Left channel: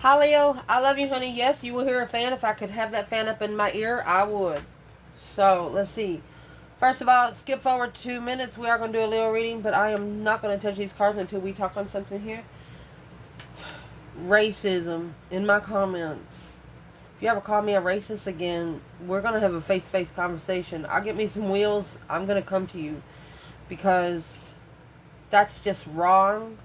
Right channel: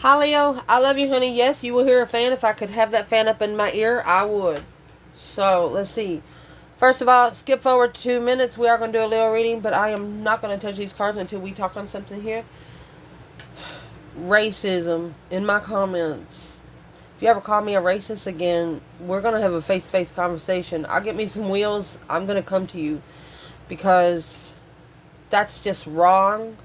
Hi, Leo. I love you, honey. Yes, you will hear a fan. If I could have that fan up in my ear, I would. So, let's see. First of all, skip forward 2 minutes. We are going to do a Leo reading, but I am not going to touch these cards until we talk on something here. Racism in my comments. If you ever call me a racist again, we're going to have a face-to-face conversation. I'll get me some wheels. I'm going to come to you because that's just wrong.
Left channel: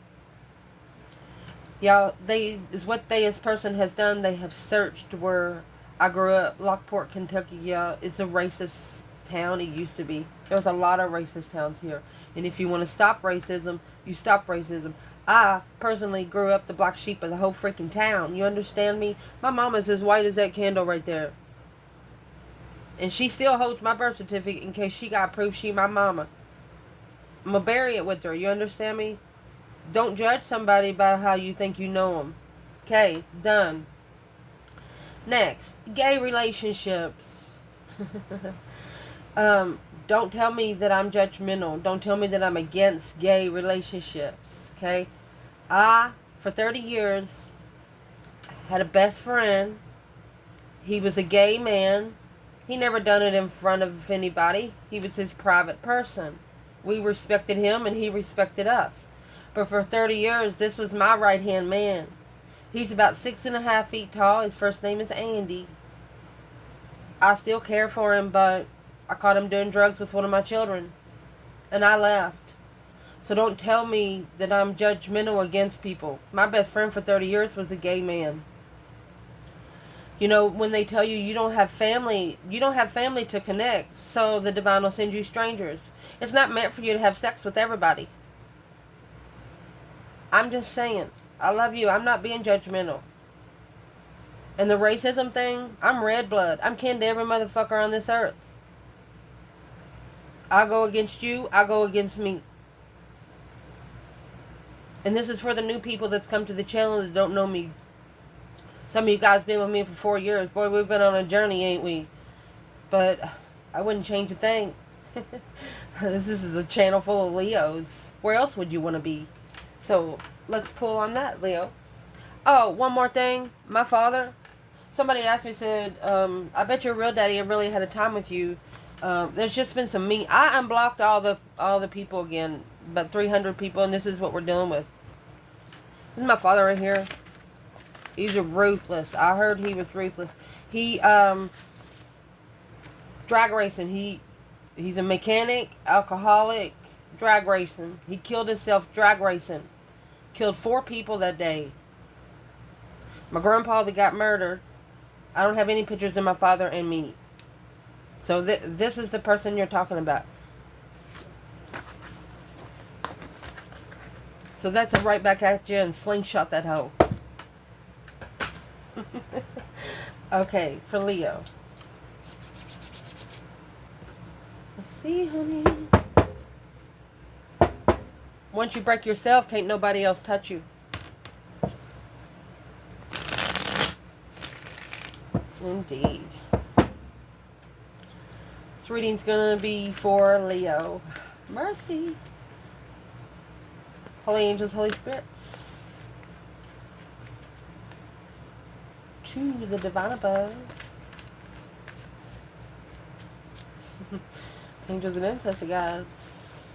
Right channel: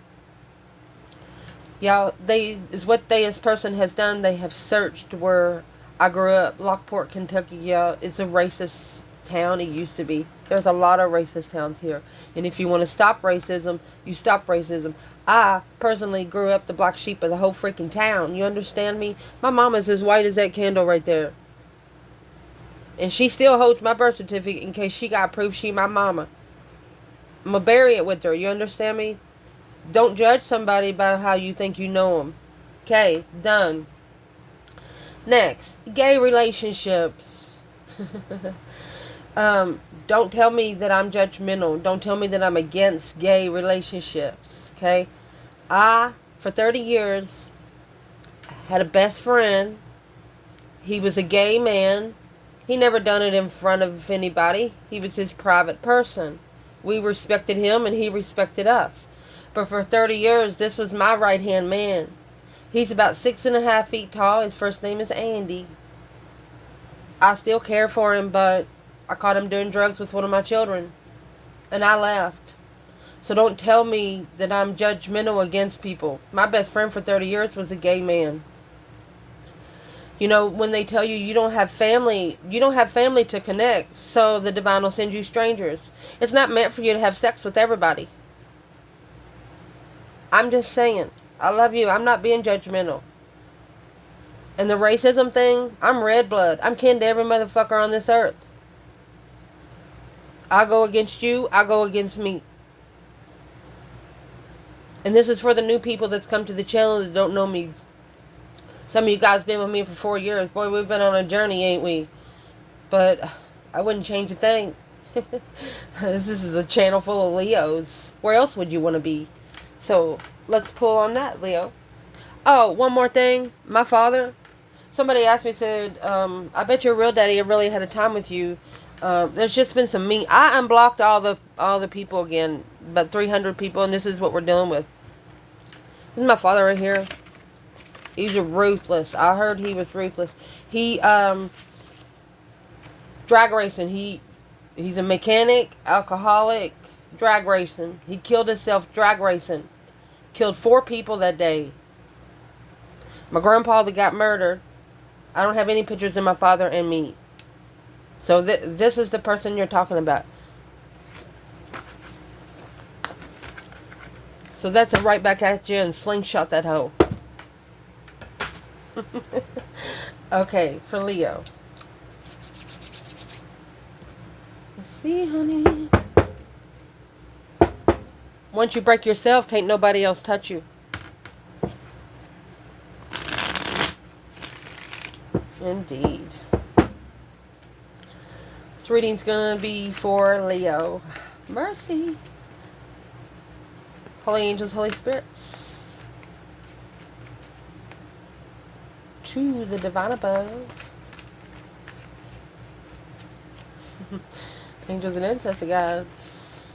Yeah, is what this person has done. They have searched where I grew up, Lockport, Kentucky. Yeah, it's a racist town. It used to be. There's a lot of racist towns here, and if you want to stop racism, you stop racism. I personally grew up the black sheep of the whole freaking town. You understand me? My mom is as white as that candle right there, and she still holds my birth certificate in case she got proof she my mama. I'm gonna bury it with her. You understand me? Don't judge somebody by how you think you know them. Okay, done. Next, gay relationships. Don't tell me that I'm judgmental. Don't tell me that I'm against gay relationships. Okay, for 30 years, had a best friend. He was a gay man. He never done it in front of anybody. He was his private person. We respected him and he respected us. But for 30 years, this was my right-hand man. He's about 6.5 feet tall. His first name is Andy. I still care for him, but I caught him doing drugs with one of my children. And I left. So don't tell me that I'm judgmental against people. My best friend for 30 years was a gay man. You know, when they tell you you don't have family to connect, so the divine will send you strangers. It's not meant for you to have sex with everybody. I'm just saying. I love you. I'm not being judgmental. And the racism thing, I'm red blood. I'm kin to every motherfucker on this earth. I go against you. I go against me. And this is for the new people that's come to the channel that don't know me. Some of you guys been with me for 4 years. Boy, we've been on a journey, ain't we? But I wouldn't change a thing. This is a channel full of Leos. Where else would you want to be? So, let's pull on that, Leo. Oh, one more thing. My father, somebody asked me, said, I bet your real daddy really had a time with you. There's just been some mean... I unblocked all the people again. About 300 people, and this is what we're dealing with. This is my father right here. He's ruthless. I heard he was ruthless. He, drag racing. He's a mechanic, alcoholic, drag racing. He killed himself drag racing. Killed 4 people that day. My grandpa that got murdered. I don't have any pictures of my father and me. So this is the person you're talking about. So that's a right back at you and slingshot that hoe. Okay, for Leo. Let's see, honey. Once you break yourself, can't nobody else touch you. Indeed. This reading's going to be for Leo. Mercy. Holy angels, Holy spirits. To the divine above. Angels and ancestor guides.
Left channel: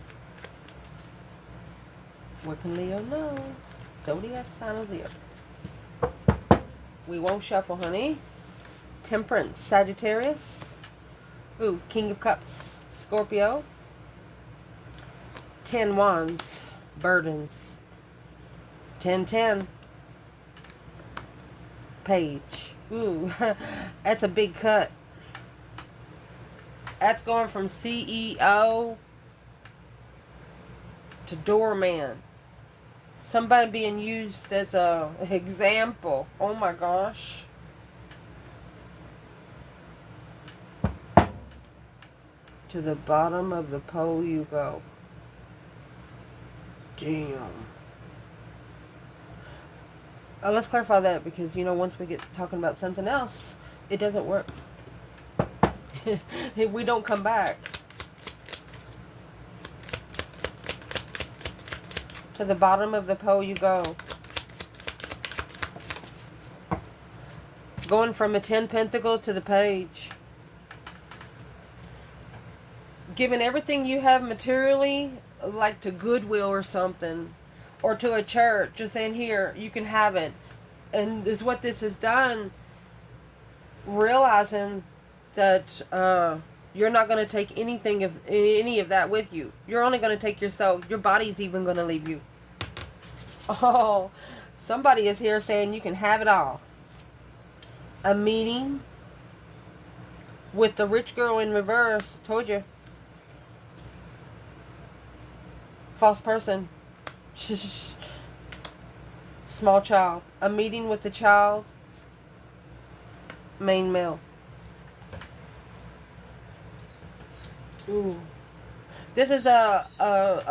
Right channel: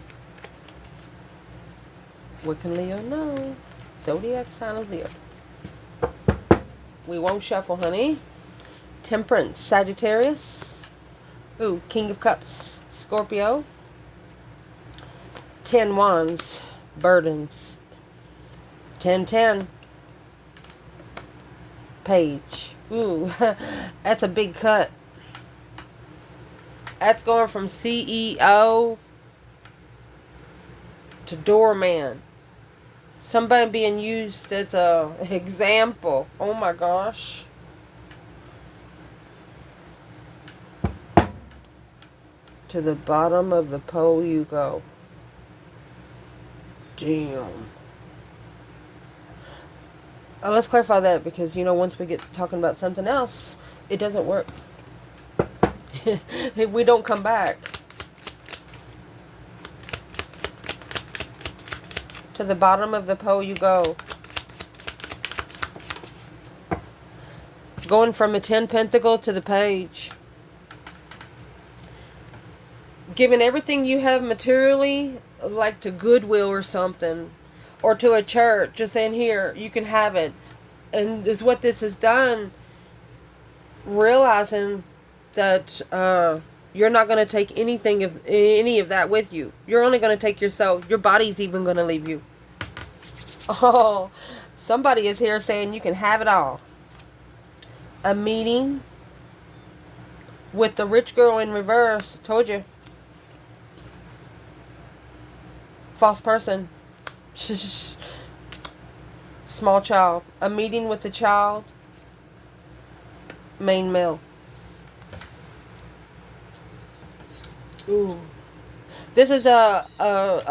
What can Leo know? Zodiac sign of Leo. We won't shuffle, honey. Temperance, Sagittarius. Ooh, King of Cups, Scorpio. 10 Wands, Burdens. 10-10. Page. Ooh, that's a big cut. That's going from CEO to doorman. Somebody being used as a example. Oh my gosh. To the bottom of the pole you go. Damn. Oh, let's clarify that because, you know, once we get talking about something else, it doesn't work. We don't come back. To the bottom of the pole you go. Going from a 10 pentacle to the page. Giving everything you have materially, like to Goodwill or something. Or to a church. Just saying, here, you can have it. And is what this has done. Realizing that you're not going to take any of that with you. You're only going to take yourself. Your body's even going to leave you. Oh, somebody is here saying you can have it all. A meeting with the rich girl in reverse. Told you. False person. Small child. A meeting with the child. Main male. Ooh. This is a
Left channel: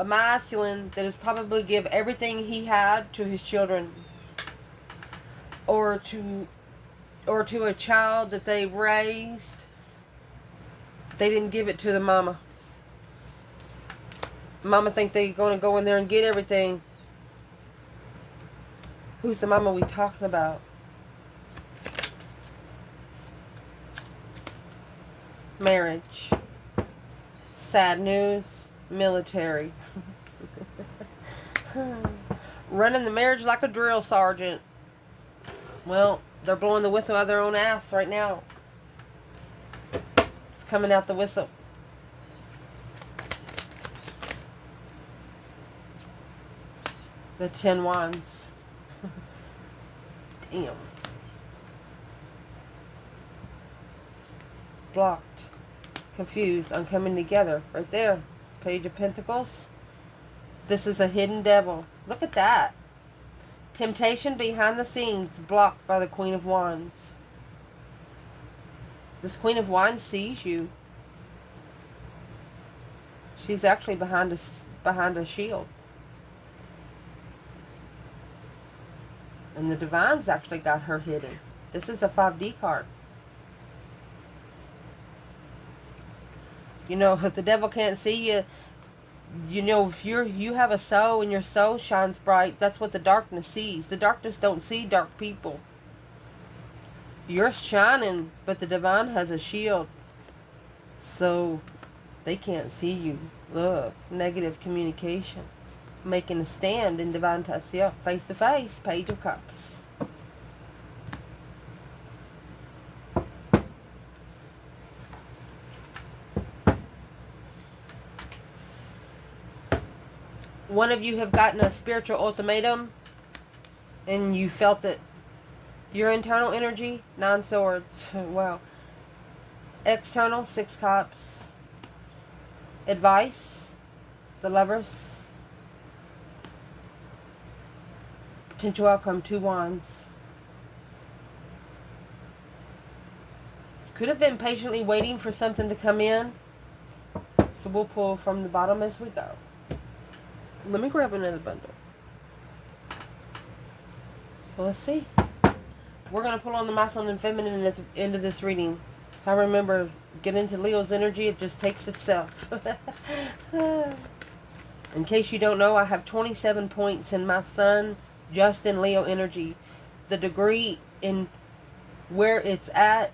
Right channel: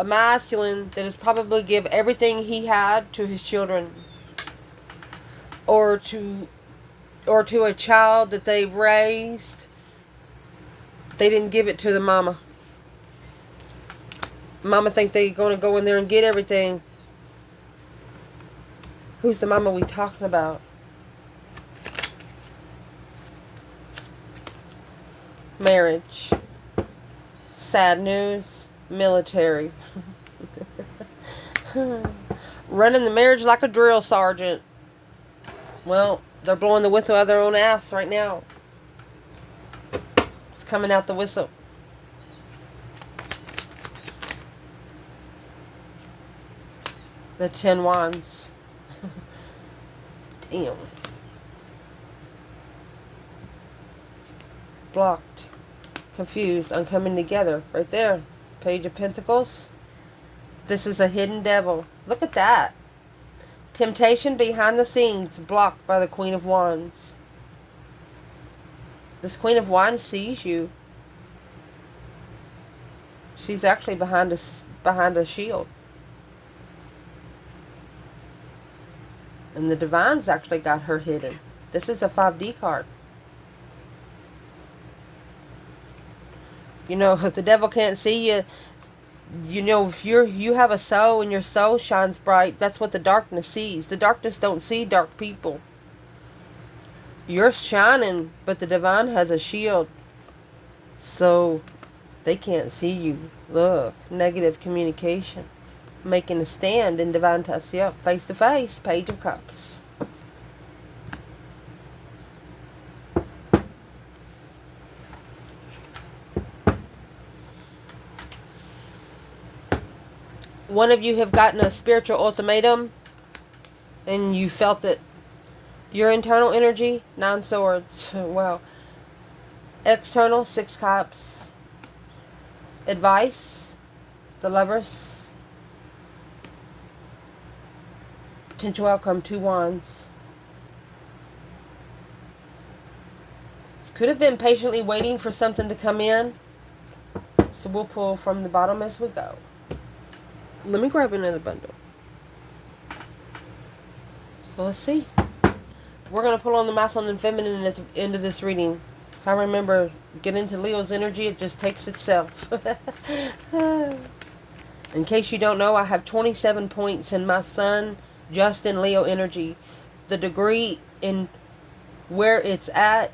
masculine that is probably give everything he had to his children. Or to a child that they raised. They didn't give it to the mama. Mama think they're going to go in there and get everything. Who's the mama we talking about? Marriage. Sad news. Military. Running the marriage like a drill sergeant. Well, they're blowing the whistle out of their own ass right now. It's coming out the whistle. The 10 wands. Damn. Blocked. Confused. Uncoming together. Right there. Page of Pentacles. This is a hidden devil. Look at that. Temptation behind the scenes. Blocked by the Queen of Wands. This Queen of Wands sees you. She's actually behind a shield. And the Divine's actually got her hidden. This is a 5D card. You know, if the devil can't see you, you know, if you have a soul and your soul shines bright, that's what the darkness sees. The darkness don't see dark people. You're shining, but the Divine has a shield. So they can't see you. Look, negative communication. Making a stand in Divine touch. Yep, face to face. Page of Cups. One of you have gotten a spiritual ultimatum and you felt it. Your internal energy, 9 swords. Well, external, 6 cups. Advice, the Lovers. Potential outcome, 2 wands. Could have been patiently waiting for something to come in. So we'll pull from the bottom as we go. Let me grab another bundle. So let's see. We're going to pull on the masculine and feminine at the end of this reading. If I remember, get into Leo's energy, it just takes itself. In case you don't know, I have 27 points in my sun, just in Leo energy. The degree in where it's at,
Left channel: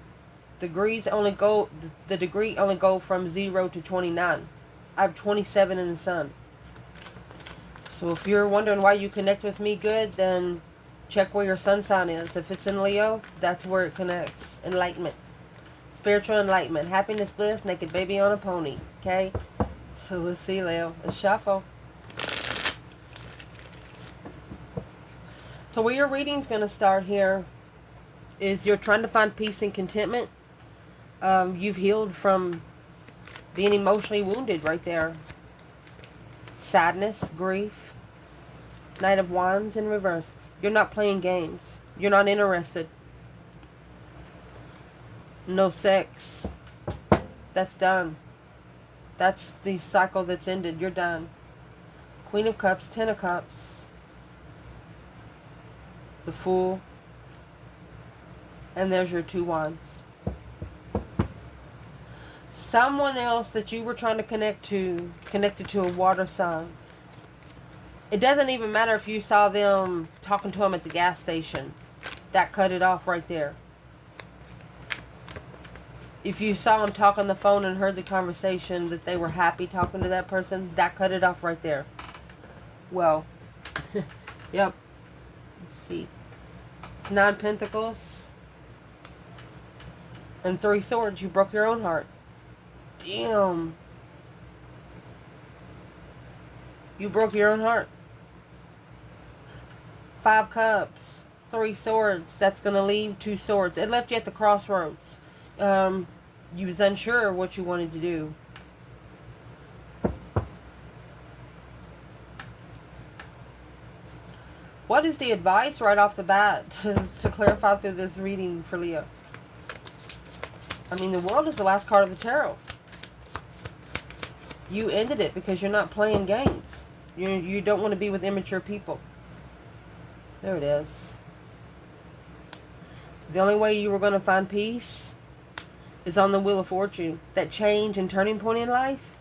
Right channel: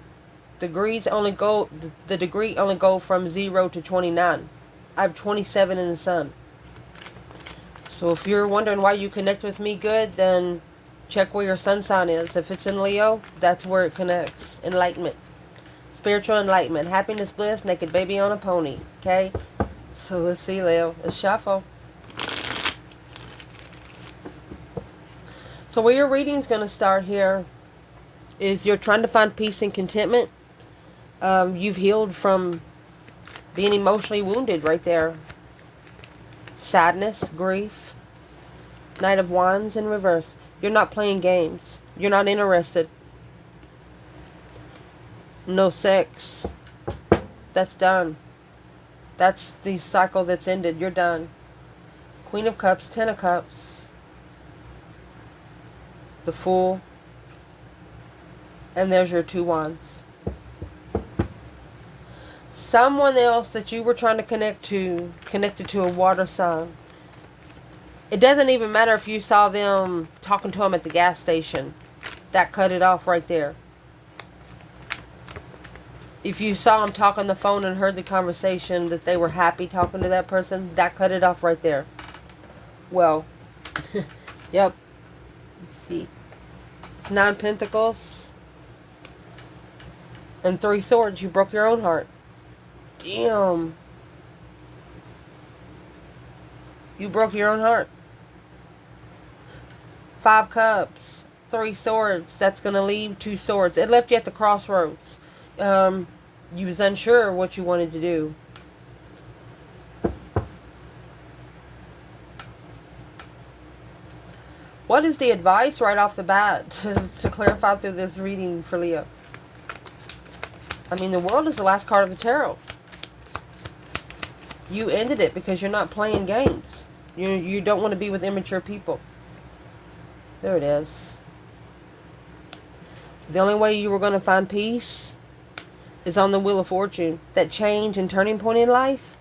the degree only go from 0 to 29. I have 27 in the sun. So if you're wondering why you connect with me good, then check where your sun sign is. If it's in Leo, that's where it connects. Enlightenment. Spiritual enlightenment. Happiness, bliss, naked baby on a pony. Okay? So let's see, Leo. Let's shuffle. So where your reading's going to start here is you're trying to find peace and contentment. You've healed from being emotionally wounded right there. Sadness, grief. Knight of Wands in reverse. You're not playing games. You're not interested. No sex. That's done. That's the cycle that's ended. You're done. Queen of Cups, 10 of Cups. The Fool. And there's your 2 wands. Someone else that you were trying to connect to, connected to a water sign. It doesn't even matter if you saw them talking to them at the gas station. That cut it off right there. If you saw them talk on the phone and heard the conversation that they were happy talking to that person, that cut it off right there. Well, yep. Let's see. It's 9 pentacles and 3 swords. You broke your own heart. Damn. You broke your own heart. 5 cups, 3 swords. That's going to leave 2 swords. It left you at the crossroads. You was unsure what you wanted to do. What is the advice right off the bat to clarify through this reading for Leo? I mean, the world is the last card of the tarot. You ended it because you're not playing games. You don't want to be with immature people. There it is. The only way you were going to find peace is on the Wheel of Fortune. That change and turning point in life.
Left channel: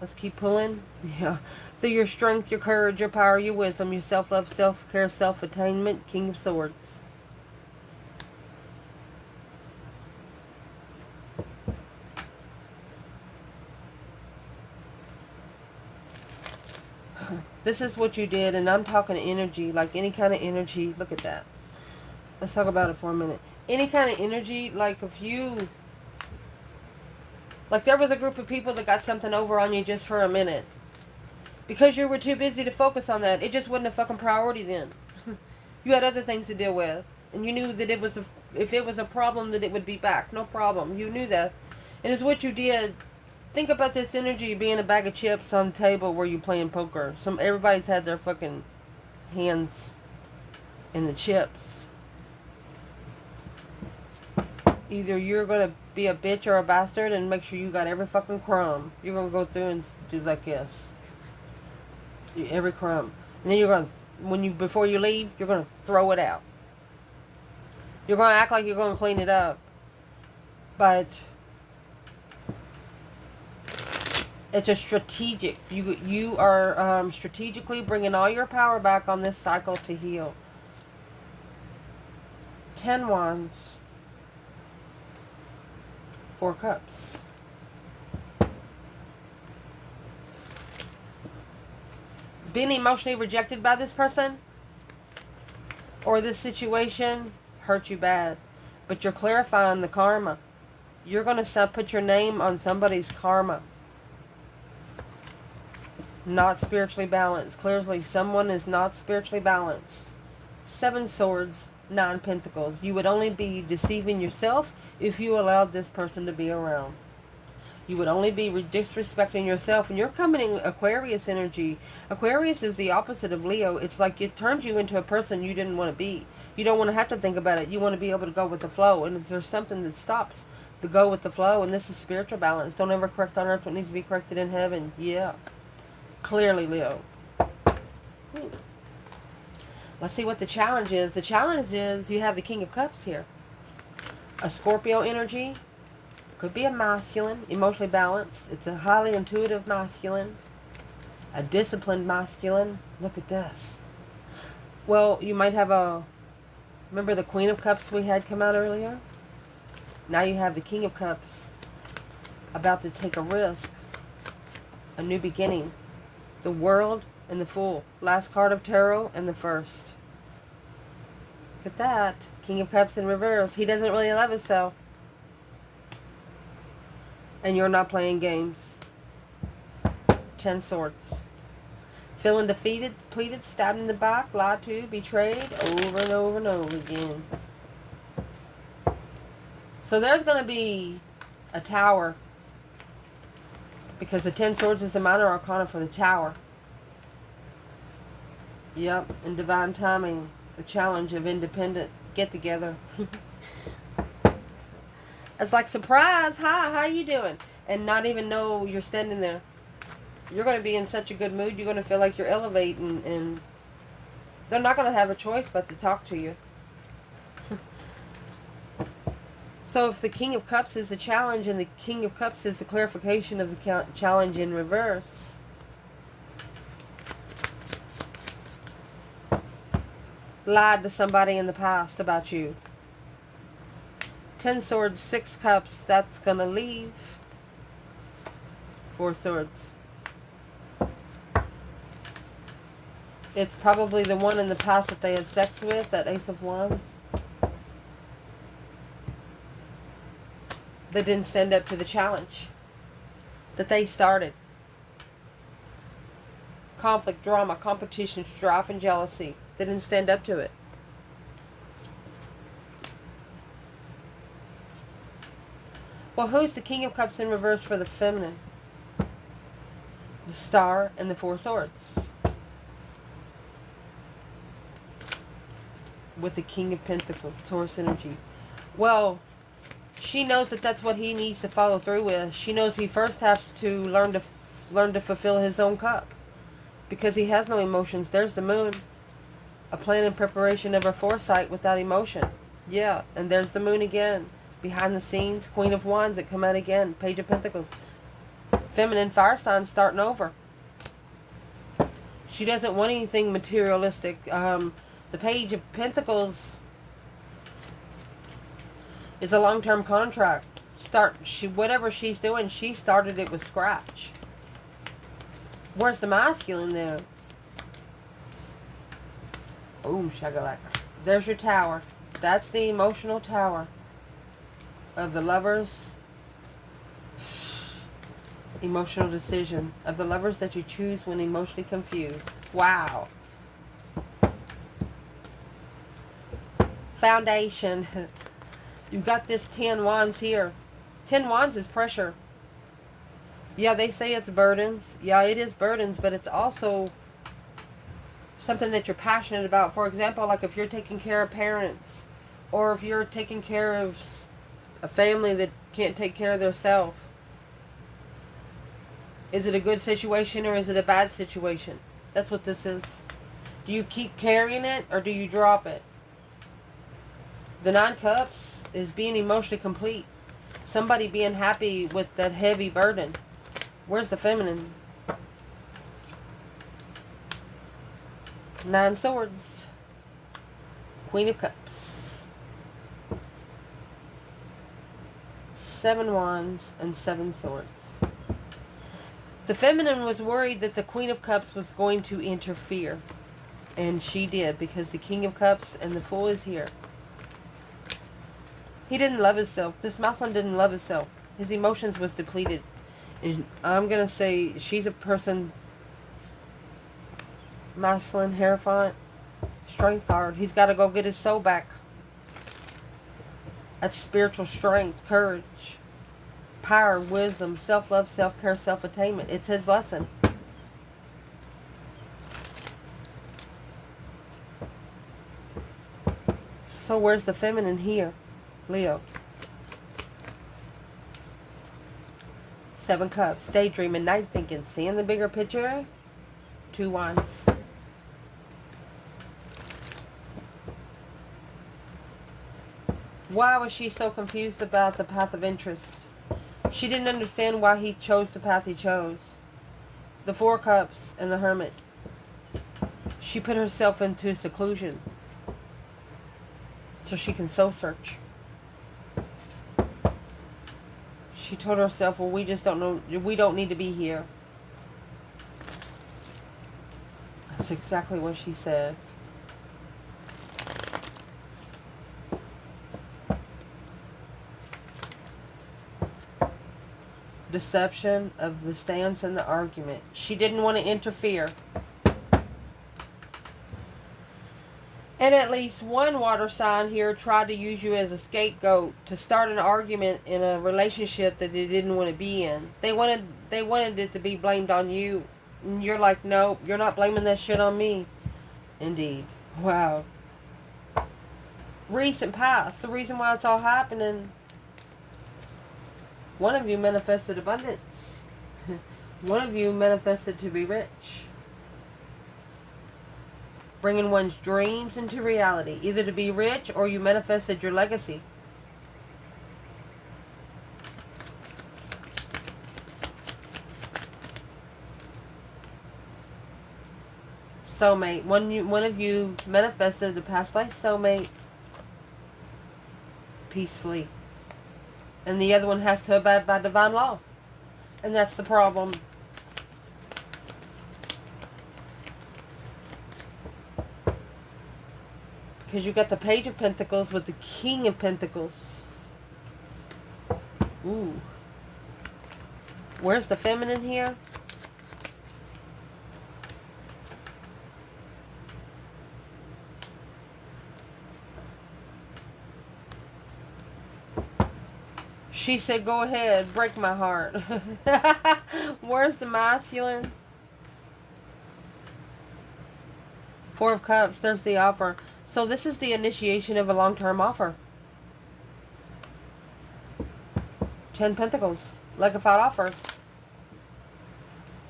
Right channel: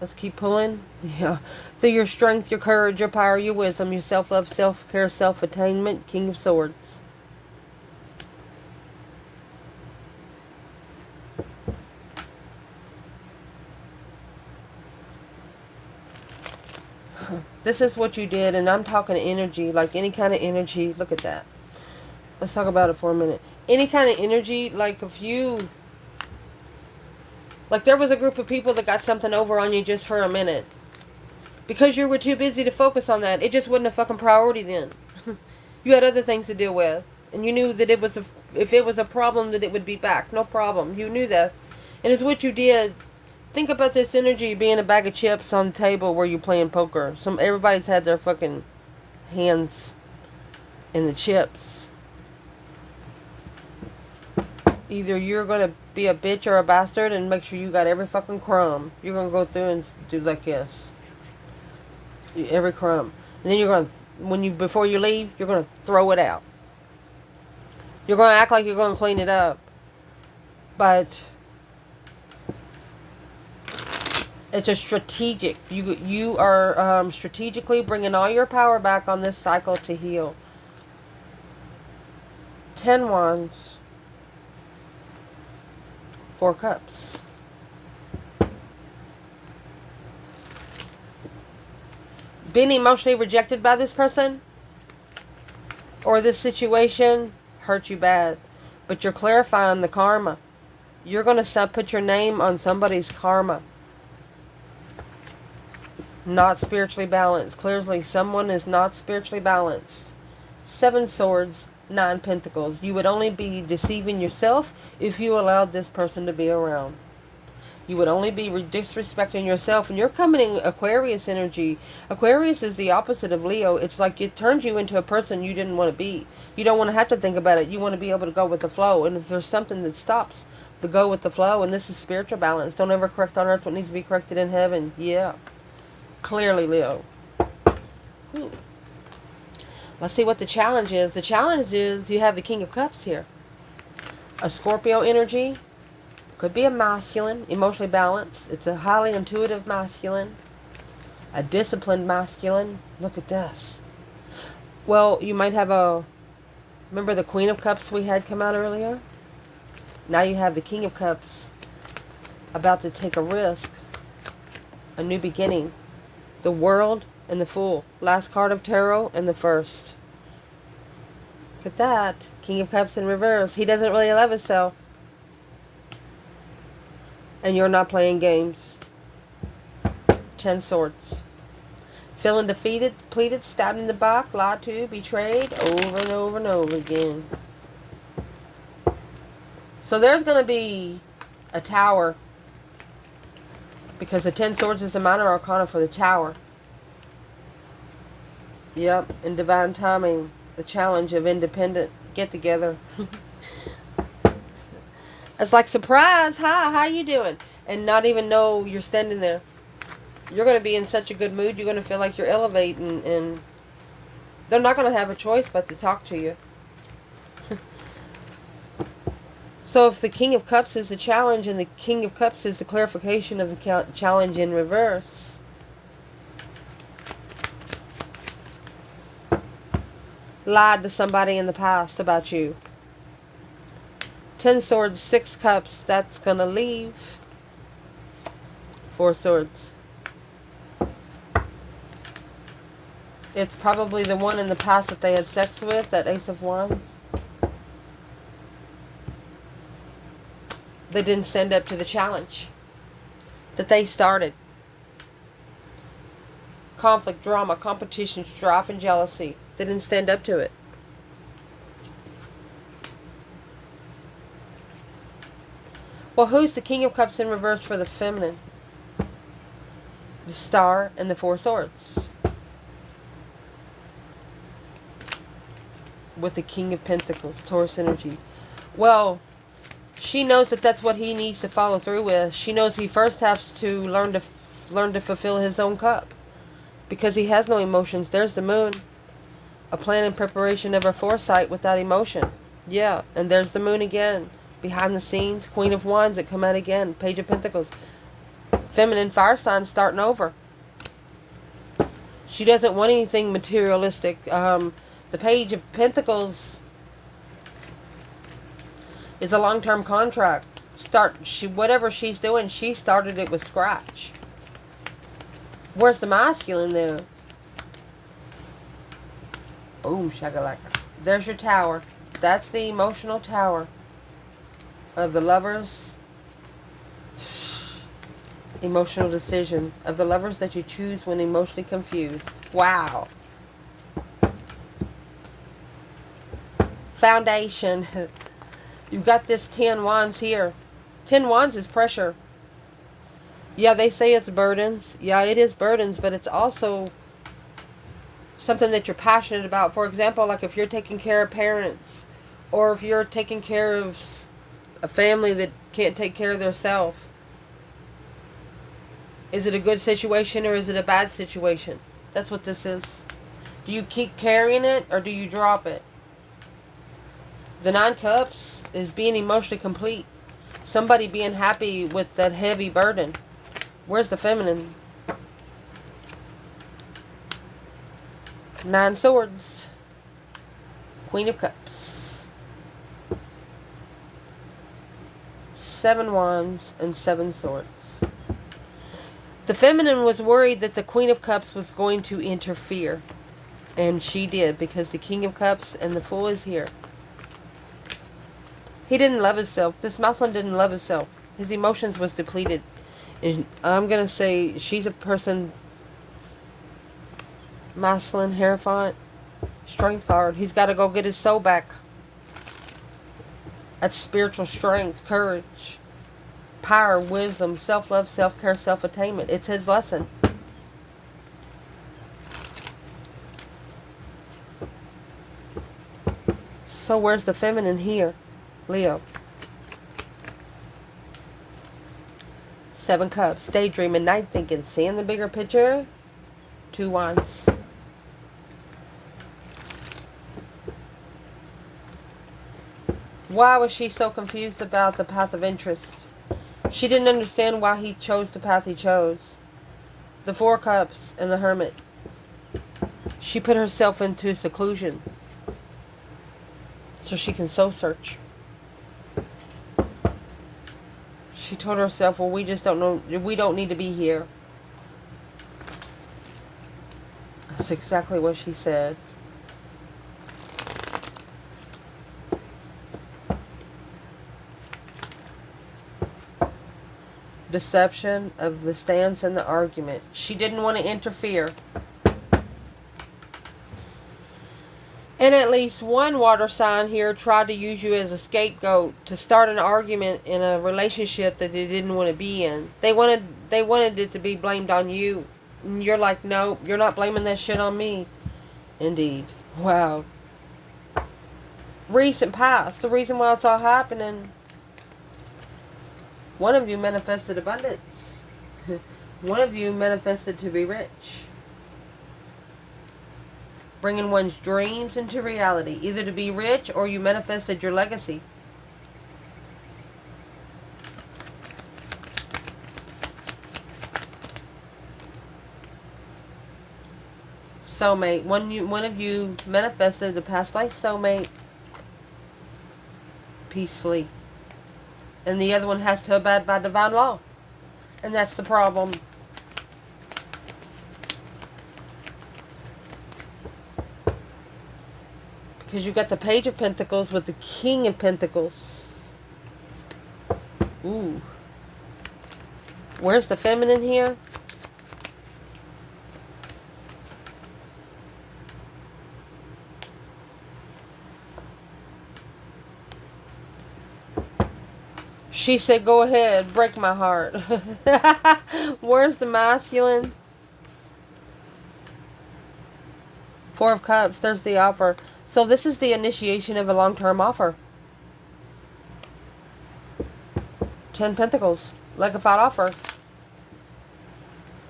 Let's keep pulling. Yeah. Through your strength, your courage, your power, your wisdom, your self-love, self-care, self-attainment, King of Swords. This is what you did, and I'm talking energy, like any kind of energy. Look at that. Let's talk about it for a minute. Any kind of energy, like if you... Like there was a group of people that got something over on you just for a minute. Because you were too busy to focus on that. It just wasn't a fucking priority then. You had other things to deal with. And you knew that it was if it was a problem, that it would be back. No problem. You knew that. And it's what you did. Think about this energy being a bag of chips on the table where you're playing poker. Everybody's had their fucking hands in the chips. Either you're going to be a bitch or a bastard and make sure you got every fucking crumb. You're going to go through and do like this. Every crumb. And then you're going to, before you leave, you're going to throw it out. You're going to act like you're going to clean it up. But it's a strategic. You are strategically bringing all your power back on this cycle to heal. 10 wands. 4 cups. Being emotionally rejected by this person or this situation hurt you bad. But you're clarifying the karma. You're going to put your name on somebody's karma. Not spiritually balanced. Clearly, someone is not spiritually balanced. 7 swords, 9 pentacles. You would only be deceiving yourself if you allowed this person to be around. You would only be disrespecting yourself. And you're coming in Aquarius energy. Aquarius is the opposite of Leo. It's like it turned you into a person you didn't want to be. You don't want to have to think about it. You want to be able to go with the flow. And if there's something that stops the go with the flow, and this is spiritual balance. Don't ever correct on earth what needs to be corrected in heaven. Yeah. Clearly, Leo. Ooh. Let's see what the challenge is. The challenge is you have the King of Cups here. A Scorpio energy. Could be a masculine, emotionally balanced. It's a highly intuitive masculine. A disciplined masculine. Look at this. Well, you might have remember the Queen of Cups we had come out earlier? Now you have the King of Cups about to take a risk. A new beginning. The World and the Fool. Last card of tarot and the first. Look at that. King of Cups in reverse. He doesn't really love himself. And you're not playing games. 10 swords. Feeling defeated, depleted, stabbed in the back, lied to, betrayed, over and over and over again. So there's going to be a tower. Because the 10 swords is the minor arcana for the tower. Yep, in divine timing. The challenge of independent get-together. It's like, surprise, hi, how you doing? And not even know you're standing there. You're going to be in such a good mood. You're going to feel like you're elevating. And they're not going to have a choice but to talk to you. So if the King of Cups is the challenge and the King of Cups is the clarification of the challenge in reverse, lied to somebody in the past about you. Ten Swords, Six Cups. That's going to leave. Four Swords. It's probably the one in the past that they had sex with, that Ace of Wands. They didn't stand up to the challenge that they started. Conflict, drama, competition, strife, and jealousy. They didn't stand up to it. Well, who's the King of Cups in reverse for the feminine? The Star and the Four Swords. With the King of Pentacles, Taurus energy. Well, she knows that that's what he needs to follow through with. She knows he first has to learn to fulfill his own cup, because he has no emotions. There's the Moon, a plan and preparation of her foresight without emotion. Yeah, and there's the Moon again, behind the scenes. Queen of Wands that come out again. Page of Pentacles, feminine fire sign starting over. She doesn't want anything materialistic. The Page of Pentacles is a long-term contract. Whatever she's doing, she started it with scratch. Where's the masculine there? Boom, shagalaka. There's your Tower. That's the emotional tower of the Lovers. Emotional decision of the Lovers that you choose when emotionally confused. Wow. Foundation. You've got this 10 Wands here. 10 Wands is pressure. Yeah, they say it's burdens. Yeah, it is burdens, but it's also something that you're passionate about. For example, like if you're taking care of parents, or if you're taking care of a family that can't take care of themselves. Is it a good situation or is it a bad situation? That's what this is. Do you keep carrying it or do you drop it? The Nine Cups is being emotionally complete. Somebody being happy with that heavy burden. Where's the feminine? Nine Swords. Queen of Cups. Seven Wands and Seven Swords. The feminine was worried that the Queen of Cups was going to interfere. And she did, because the King of Cups and the Fool is here. He didn't love himself. This masculine didn't love himself. His emotions was depleted. And I'm going to say she's a person, masculine, Hierophant, strength card. He's got to go get his soul back. That's spiritual strength, courage, power, wisdom, self-love, self-care, self-attainment. It's his lesson. So where's the feminine here? Leo. Seven Cups. Daydreaming, night thinking. Seeing the bigger picture. Two Wands. Why was she so confused about the path of interest? She didn't understand why he chose the path he chose. The Four Cups and the Hermit. She put herself into seclusion so she can soul search. She told herself, well, we just don't know, we don't need to be here. That's exactly what she said. Deception of the stance and the argument. She didn't want to interfere. And at least one water sign here tried to use you as a scapegoat to start an argument in a relationship that they didn't want to be in. They wanted it to be blamed on you. And you're like, no, you're not blaming that shit on me. Indeed. Wow. Recent past. The reason why it's all happening. One of you manifested abundance. One of you manifested to be rich. Bringing one's dreams into reality. Either to be rich or you manifested your legacy. Soulmate. One of you manifested a past life soulmate. Peacefully. And the other one has to abide by divine law. And that's the problem. Because you got the Page of Pentacles with the King of Pentacles. Ooh. Where's the feminine here? She said, go ahead, break my heart. Where's the masculine? Four of Cups, there's the offer. So this is the initiation of a long-term offer. 10 Pentacles, like if I'd offer. An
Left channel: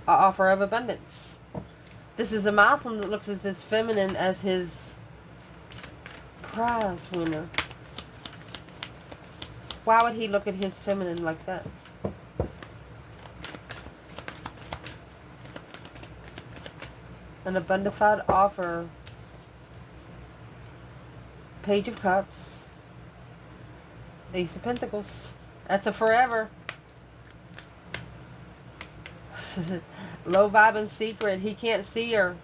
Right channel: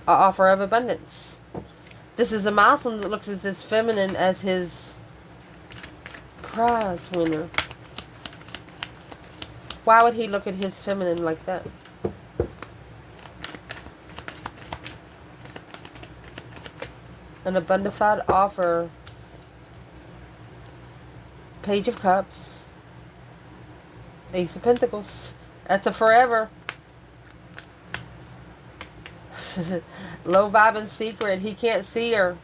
offer of abundance. This is a masculine that looks at this feminine as his prize winner. Why would he look at his feminine like that? An abundant offer. Page of Cups. Ace of Pentacles. That's a forever. Low vibing secret. He can't see her.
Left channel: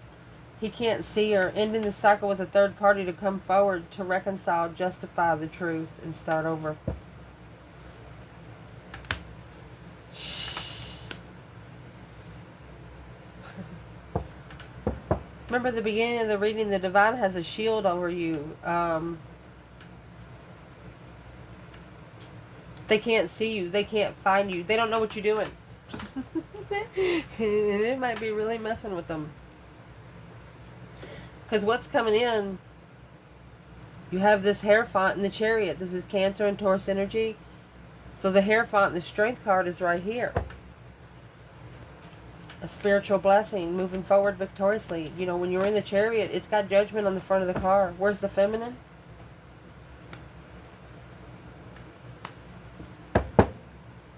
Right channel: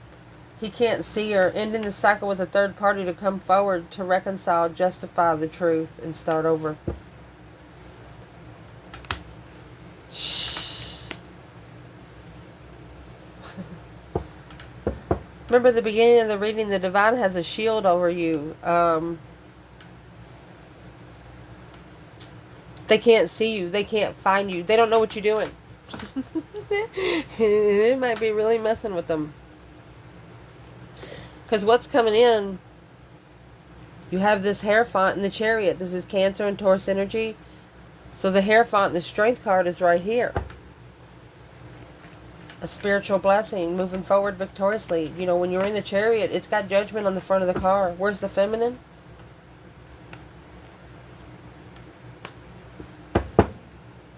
He can't see her. Ending the cycle with a third party to come forward to reconcile, justify the truth, and start over. Remember the beginning of the reading, the divine has a shield over you. They can't see you. They can't find you. They don't know what you're doing. It might be really messing with them. Because what's coming in, you have this Hierophant in the Chariot. This is Cancer and Taurus energy. So the Hierophant, the Strength card, is right here. A spiritual blessing, moving forward victoriously. You know, when you're in the Chariot, it's got Judgment on the front of the car. Where's the feminine?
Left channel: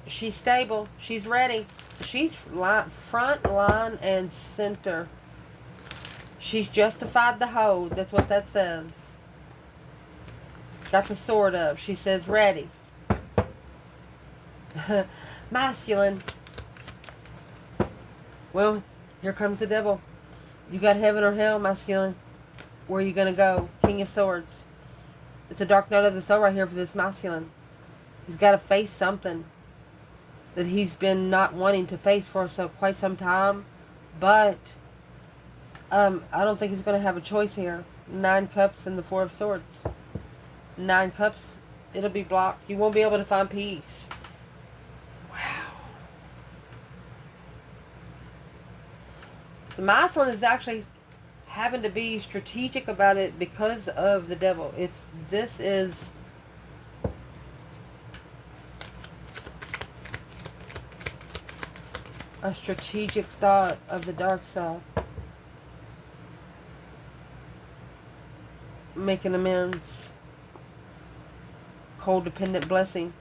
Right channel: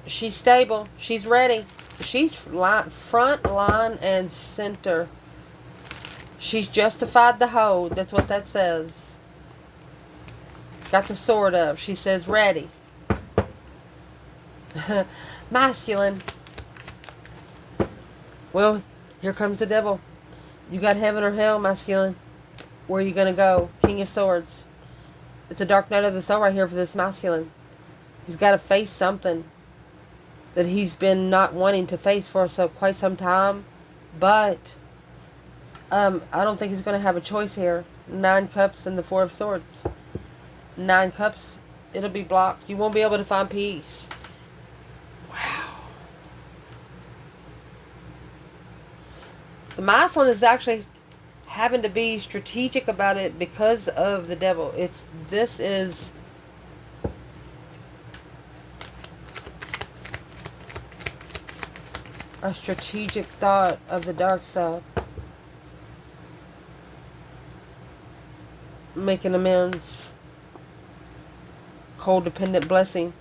She's stable. She's ready. She's front, line, and center. She's justified the hold. That's what that says. Got the sword up. She says ready. Masculine. Well, here comes the devil. You got heaven or hell, masculine. Where are you going to go? King of Swords. It's a dark night of the soul right here for this masculine. He's got to face something that he's been not wanting to face for quite some time. But I don't think he's going to have a choice here. 9 Cups and the 4 of Swords. 9 Cups, it'll be blocked. You won't be able to find peace. Wow. The masculine is actually having to be strategic about it because of the devil. This is a strategic thought of the dark side. Making amends. Codependent blessing.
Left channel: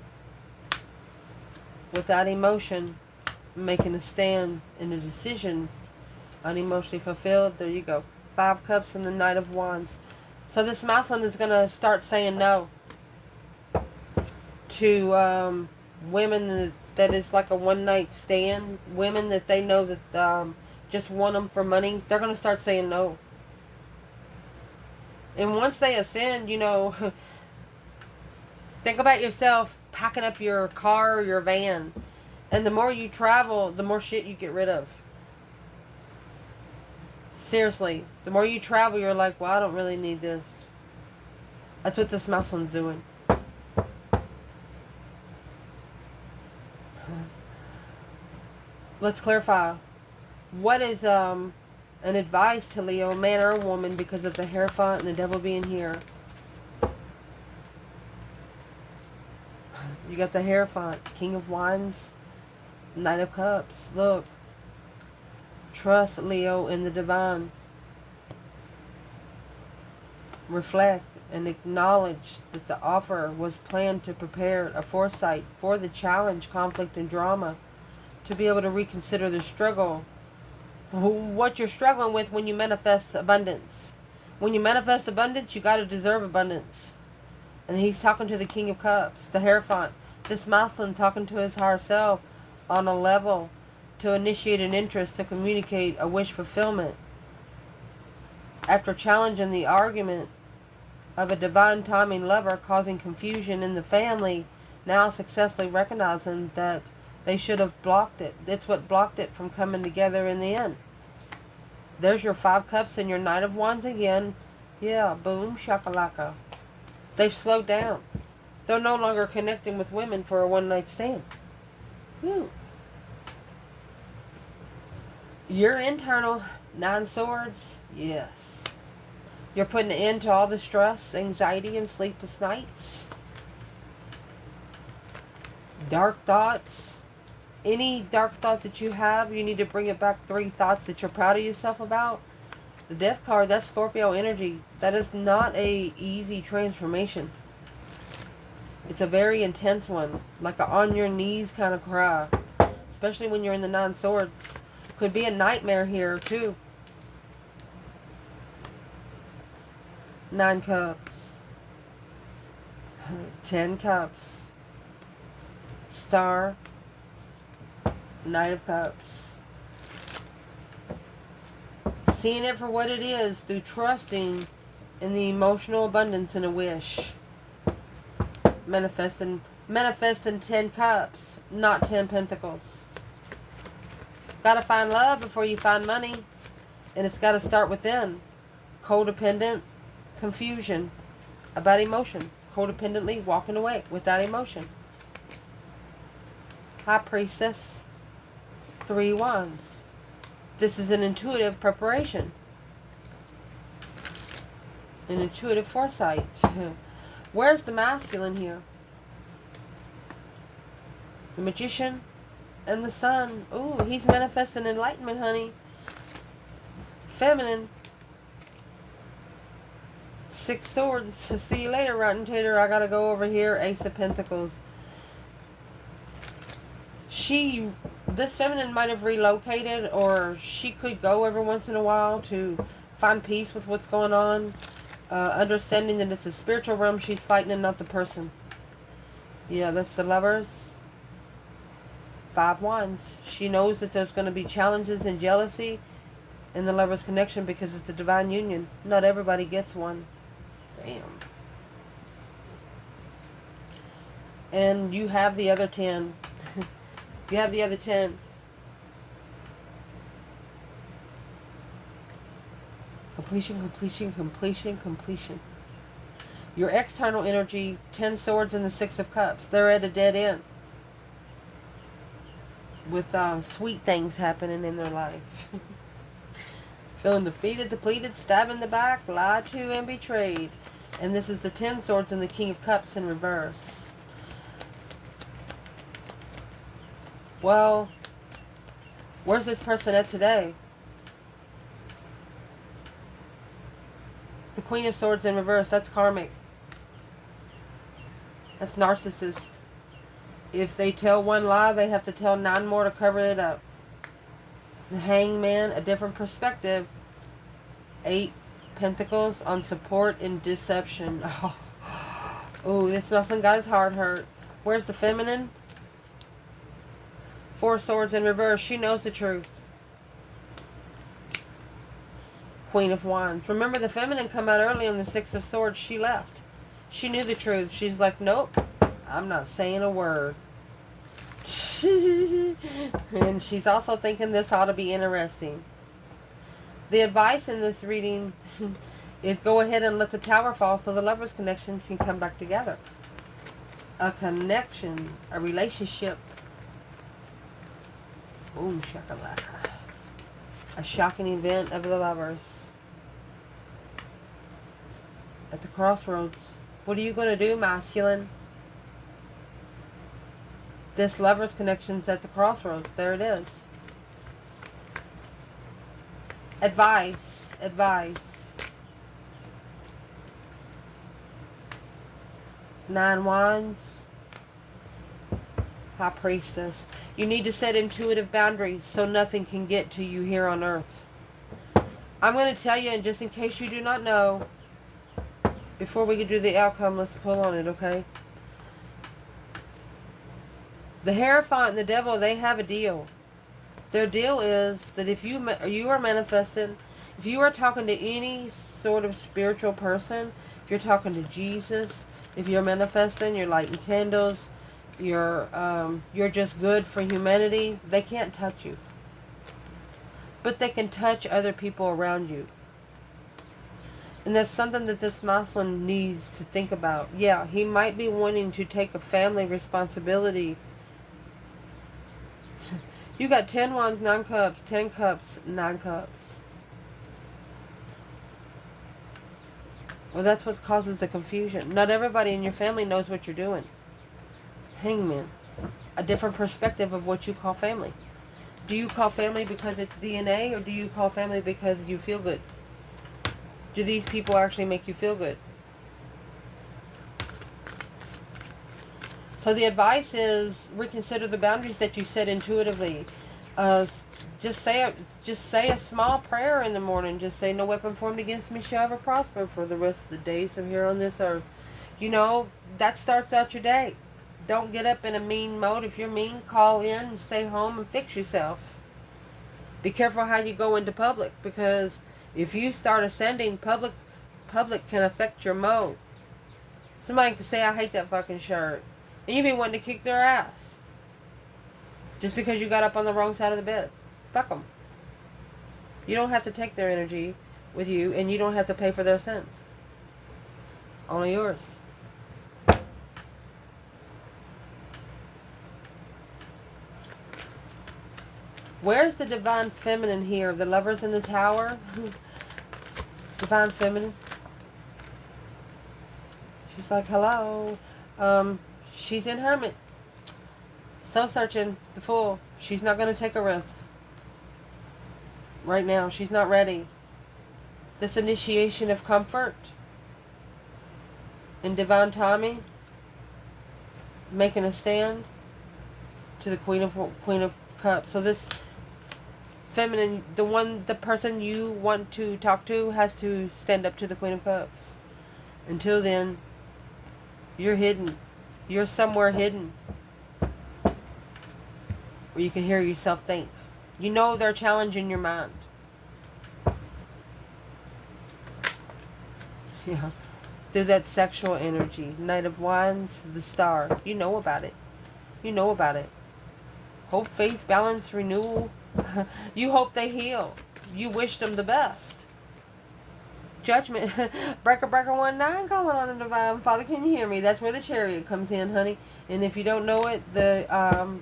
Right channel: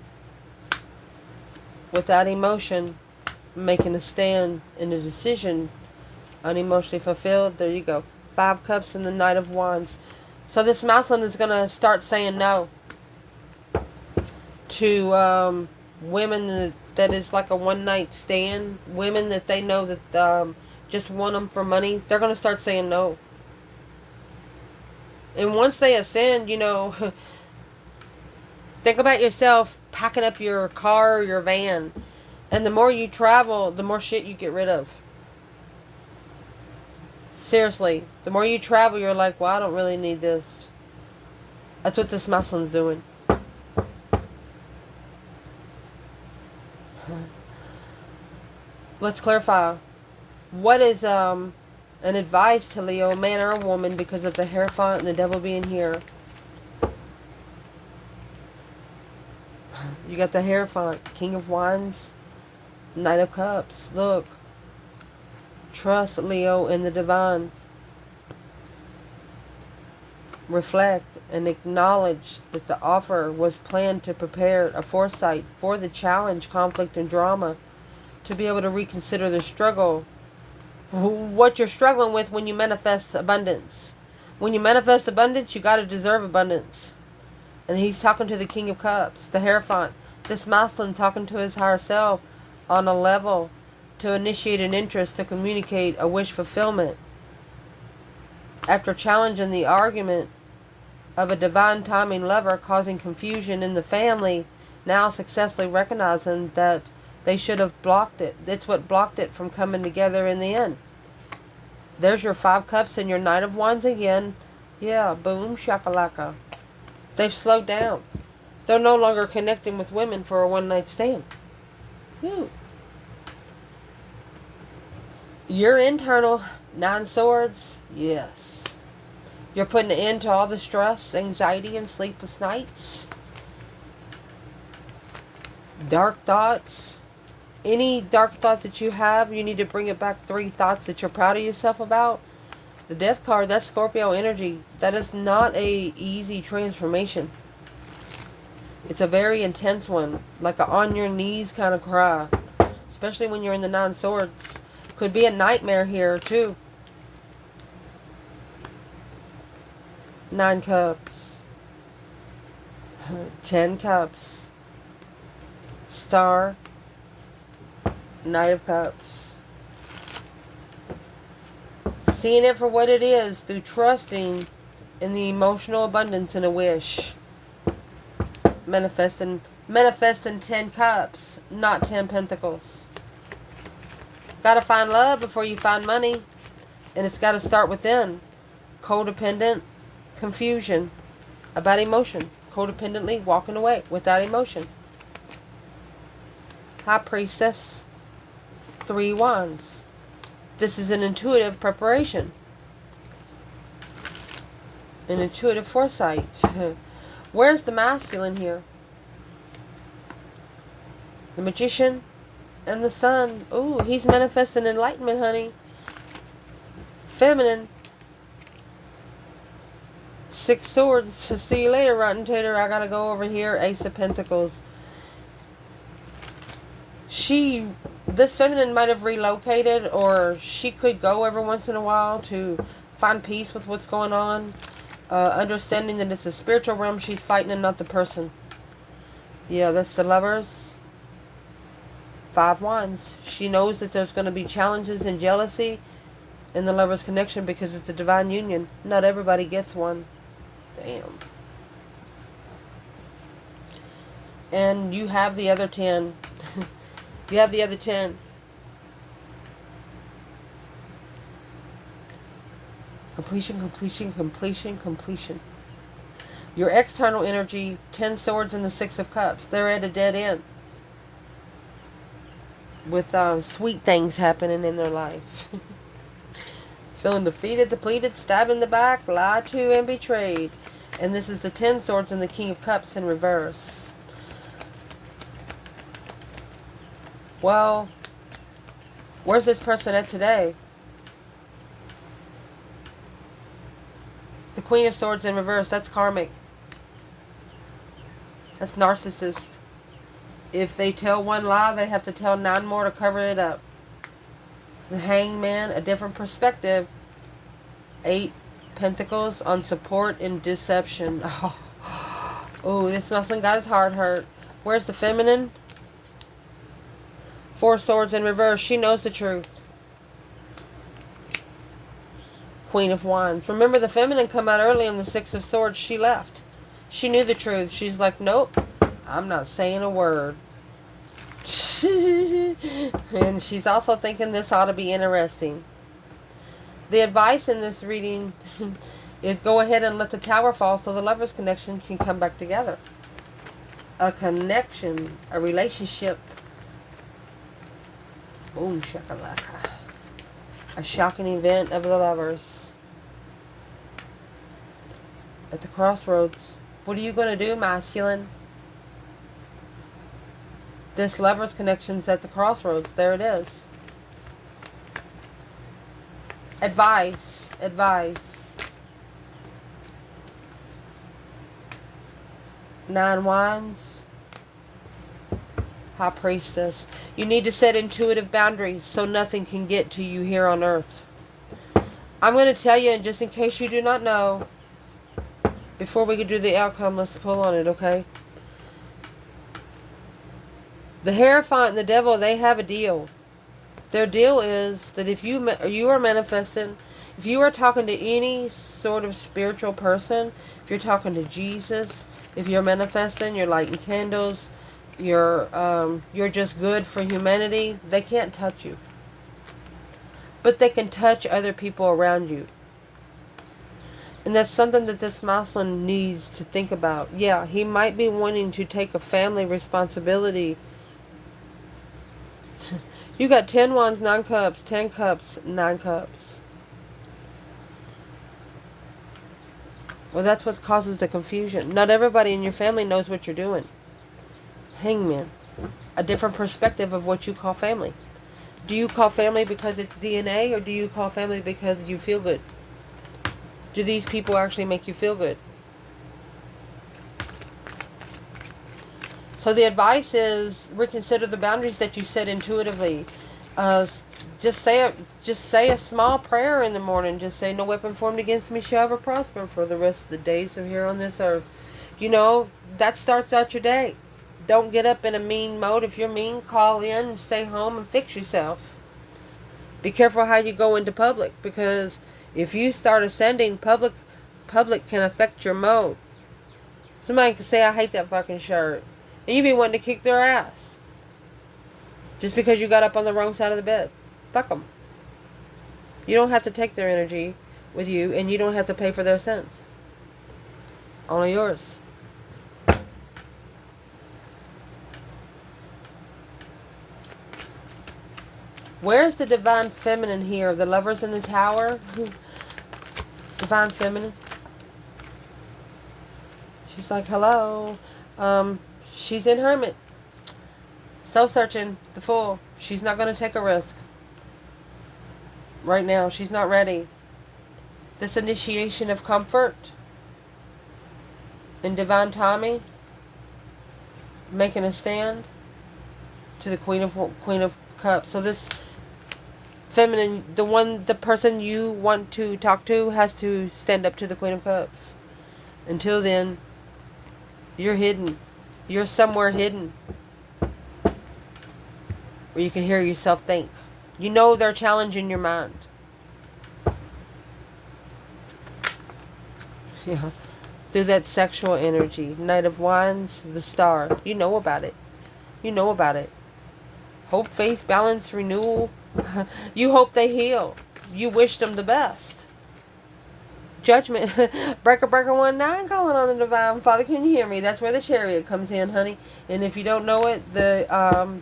Without emotion. Making a stand in a decision. Unemotionally fulfilled. There you go. 5 Cups and the Knight of Wands. So this masculine is going to start saying no to women that is like a one-night stand. Women that they know that just want them for money. They're going to start saying no. And once they ascend, you know, think about yourself packing up your car or your van. And the more you travel, the more shit you get rid of. Seriously, the more you travel, you're like, well, I don't really need this. That's what this masculine's doing. Let's clarify. What is an advice to Leo, man or a woman, because of the Hierophant and the devil being here? You got the Hierophant, King of Wands, Knight of Cups. Look. Trust, Leo, in the divine. Reflect and acknowledge that the offer was planned to prepare a foresight for the challenge, conflict, and drama, to be able to reconsider the struggle. What you're struggling with when you manifest abundance. When you manifest abundance, you got to deserve abundance. And he's talking to the King of Cups, the Hierophant. This masculine talking to his higher self on a level to initiate an interest, to communicate a wish fulfillment. After challenging the argument of a divine timing lover causing confusion in the family, now successfully recognizing that they should have blocked it. That's what blocked it from coming together in the end. There's your 5 cups and your Knight of Wands again. Yeah, boom, shakalaka. They've slowed down. They're no longer connecting with women for a one-night stand. Whew. Your internal 9 swords, yes. You're putting an end to all the stress, anxiety, and sleepless nights. Dark thoughts. Any dark thought that you have, you need to bring it back. 3 thoughts that you're proud of yourself about. The Death card, that's Scorpio energy. That is not a easy transformation. It's a very intense one. Like a on your knees kind of cry. Especially when you're in the 9 swords. Could be a nightmare here too. 9 cups. 10 cups. Star. Knight of Cups. Seeing it for what it is through trusting in the emotional abundance and a wish. Manifesting 10 cups, not 10 pentacles. Gotta find love before you find money. And it's gotta start within. Codependent confusion about emotion. Codependently walking away without emotion. High Priestess. 3 wands. This is an intuitive preparation. An intuitive foresight. Where's the masculine here? The Magician and the Sun. Ooh, he's manifesting enlightenment, honey. Feminine. 6 swords. See you later, Rotten Tater. I gotta go over here. Ace of Pentacles. This feminine might have relocated, or she could go every once in a while to find peace with what's going on. Understanding that it's a spiritual realm she's fighting and not the person. Yeah, that's the Lovers. 5 wands. She knows that there's going to be challenges and jealousy in the Lovers connection because it's a divine union. Not everybody gets one. Damn. And you have the other 10. You have the other 10. Completion, completion, completion, completion. Your external energy, 10 swords and the 6 of cups. They're at a dead end. With sweet things happening in their life. Feeling defeated, depleted, stabbed in the back, lied to, and betrayed. And this is the 10 swords and the King of Cups in reverse. Well, where's this person at today? The Queen of Swords in reverse, that's karmic. That's narcissist. If they tell one lie, they have to tell 9 more to cover it up. The Hangman, a different perspective. 8 Pentacles on support and deception. Oh, this muslim guy's heart hurt. Where's the feminine? 4 swords in reverse. She knows the truth. Queen of Wands. Remember, the feminine come out early on the 6 of Swords. She left. She knew the truth. She's like, nope, I'm not saying a word. And she's also thinking this ought to be interesting. The advice in this reading is go ahead and let the tower fall so the Lovers connection can come back together. A connection, a relationship. Boom, shakalaka. A shocking event of the Lovers. At the crossroads. What are you going to do, masculine? This Lovers connection's at the crossroads. There it is. Advice. Advice. 9 wands. High Priestess. You need to set intuitive boundaries so nothing can get to you here on earth. I'm going to tell you, and just in case you do not know, before we can do the outcome, let's pull on it, okay? The Hierophant and the devil, they have a deal. Their deal is that if you are manifesting, if you are talking to any sort of spiritual person, if you're talking to Jesus, if you're manifesting, you're lighting candles, you're just good for humanity, they can't touch you. But they can touch other people around you. And that's something that this masculine needs to think about. Yeah, he might be wanting to take a family responsibility. You got 10 wands, 9 cups, 10 cups, 9 cups. Well, that's what causes the confusion. Not everybody in your family knows what you're doing. Hangman. A different perspective of what you call family. Do you call family because it's DNA, or do you call family because you feel good? Do these people actually make you feel good? So the advice is reconsider the boundaries that you set intuitively. Just say a small prayer in the morning. Just say, no weapon formed against me shall ever prosper for the rest of the days of here on this earth. You know, that starts out your day. Don't get up in a mean mode. If you're mean, call in and stay home and fix yourself. Be careful how you go into public, because if you start ascending, public can affect your mode. Somebody can say, I hate that fucking shirt. And you be wanting to kick their ass. Just because you got up on the wrong side of the bed. Fuck them. You don't have to take their energy with you, and you don't have to pay for their sins. Only yours. Where's the divine feminine here? The Lovers in the Tower? Divine feminine. She's like, hello. She's in hermit. Soul searching. The Fool. She's not going to take a risk. Right now. She's not ready. This initiation of comfort. In divine timing. Making a stand. To the Queen of Cups. So this feminine, the person you want to talk to has to stand up to the Queen of Cups. Until then, you're hidden. You're somewhere hidden. Where you can hear yourself think. You know they're challenging your mind. Yeah. Through that sexual energy. Knight of Wands, the Star. You know about it. You know about it. Hope, faith, balance, renewal. You hope they heal. You wish them the best. Judgment. Breaker 19 calling on the Divine Father. Can you hear me? That's where the Chariot comes in, honey. And if you don't know it, the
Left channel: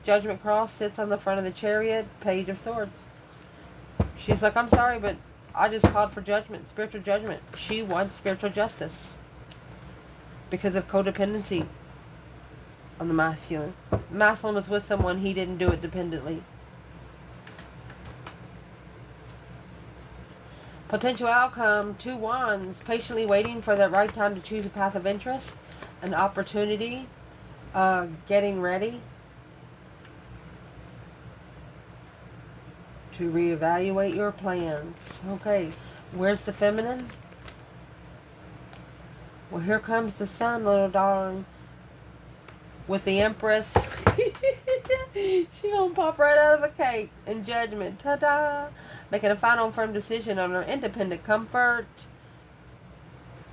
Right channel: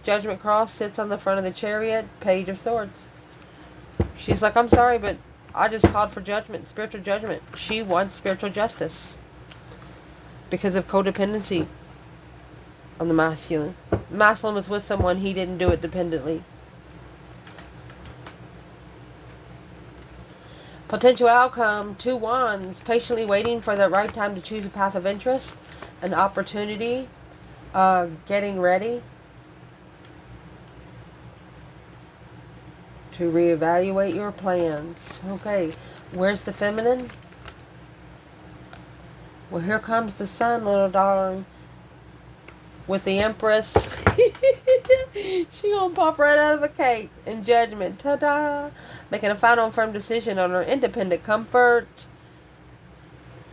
Judgment Cross sits on the front of the Chariot. Page of Swords. She's like, I'm sorry, but I just called for judgment. Spiritual judgment. She wants spiritual justice. Because of codependency. On the masculine. Masculine was with someone, he didn't do it dependently. Potential outcome, 2 wands, patiently waiting for the right time to choose a path of interest, an opportunity, getting ready to reevaluate your plans. Okay, where's the feminine? Well, here comes the sun, little darling. With the Empress. She gonna pop right out of a cake in judgment. Ta-da! Making a final and firm decision on her independent comfort.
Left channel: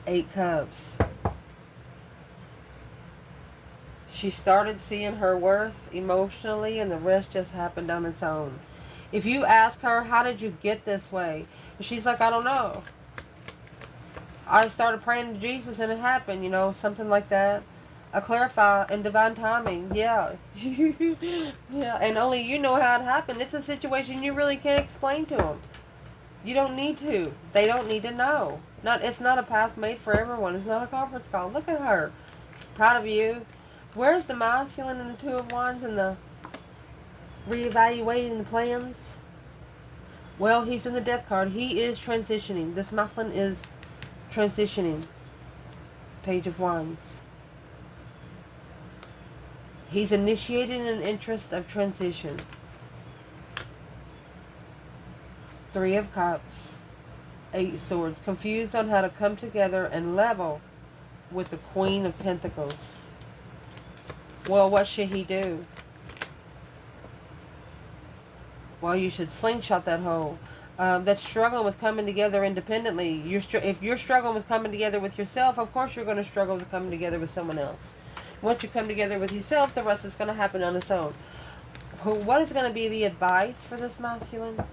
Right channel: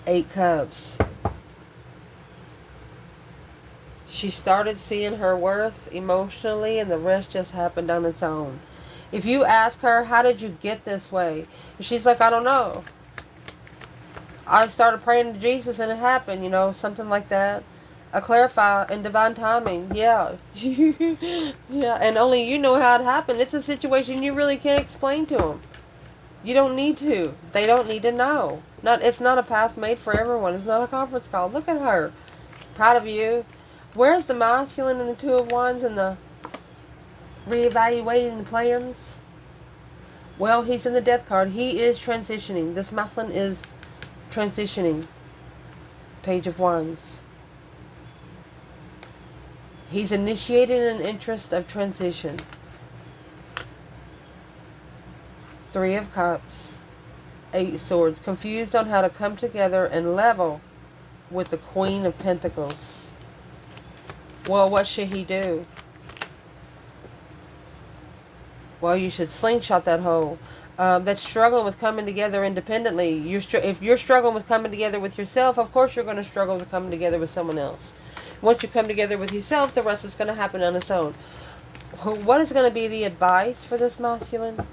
8 cups. She started seeing her worth emotionally, and the rest just happened on its own. If you ask her, how did you get this way? And she's like, I don't know. I started praying to Jesus and it happened, you know, something like that. I clarify in divine timing. Yeah. Yeah. And only you know how it happened. It's a situation you really can't explain to them. You don't need to. They don't need to know. It's not a path made for everyone. It's not a conference call. Look at her. Proud of you. Where's the masculine and the 2 of Wands and the reevaluating the plans? Well, he's in the Death card. He is transitioning. This masculine is transitioning. Page of Wands. He's initiating an interest of transition. 3 of Cups. 8 Swords. Confused on how to come together and level with the Queen of Pentacles. Well, what should he do? Well, you should slingshot that hole. That's struggling with coming together independently. If you're struggling with coming together with yourself, of course you're going to struggle with coming together with someone else. Once you come together with yourself, the rest is going to happen on its own. What is going to be the advice for this masculine?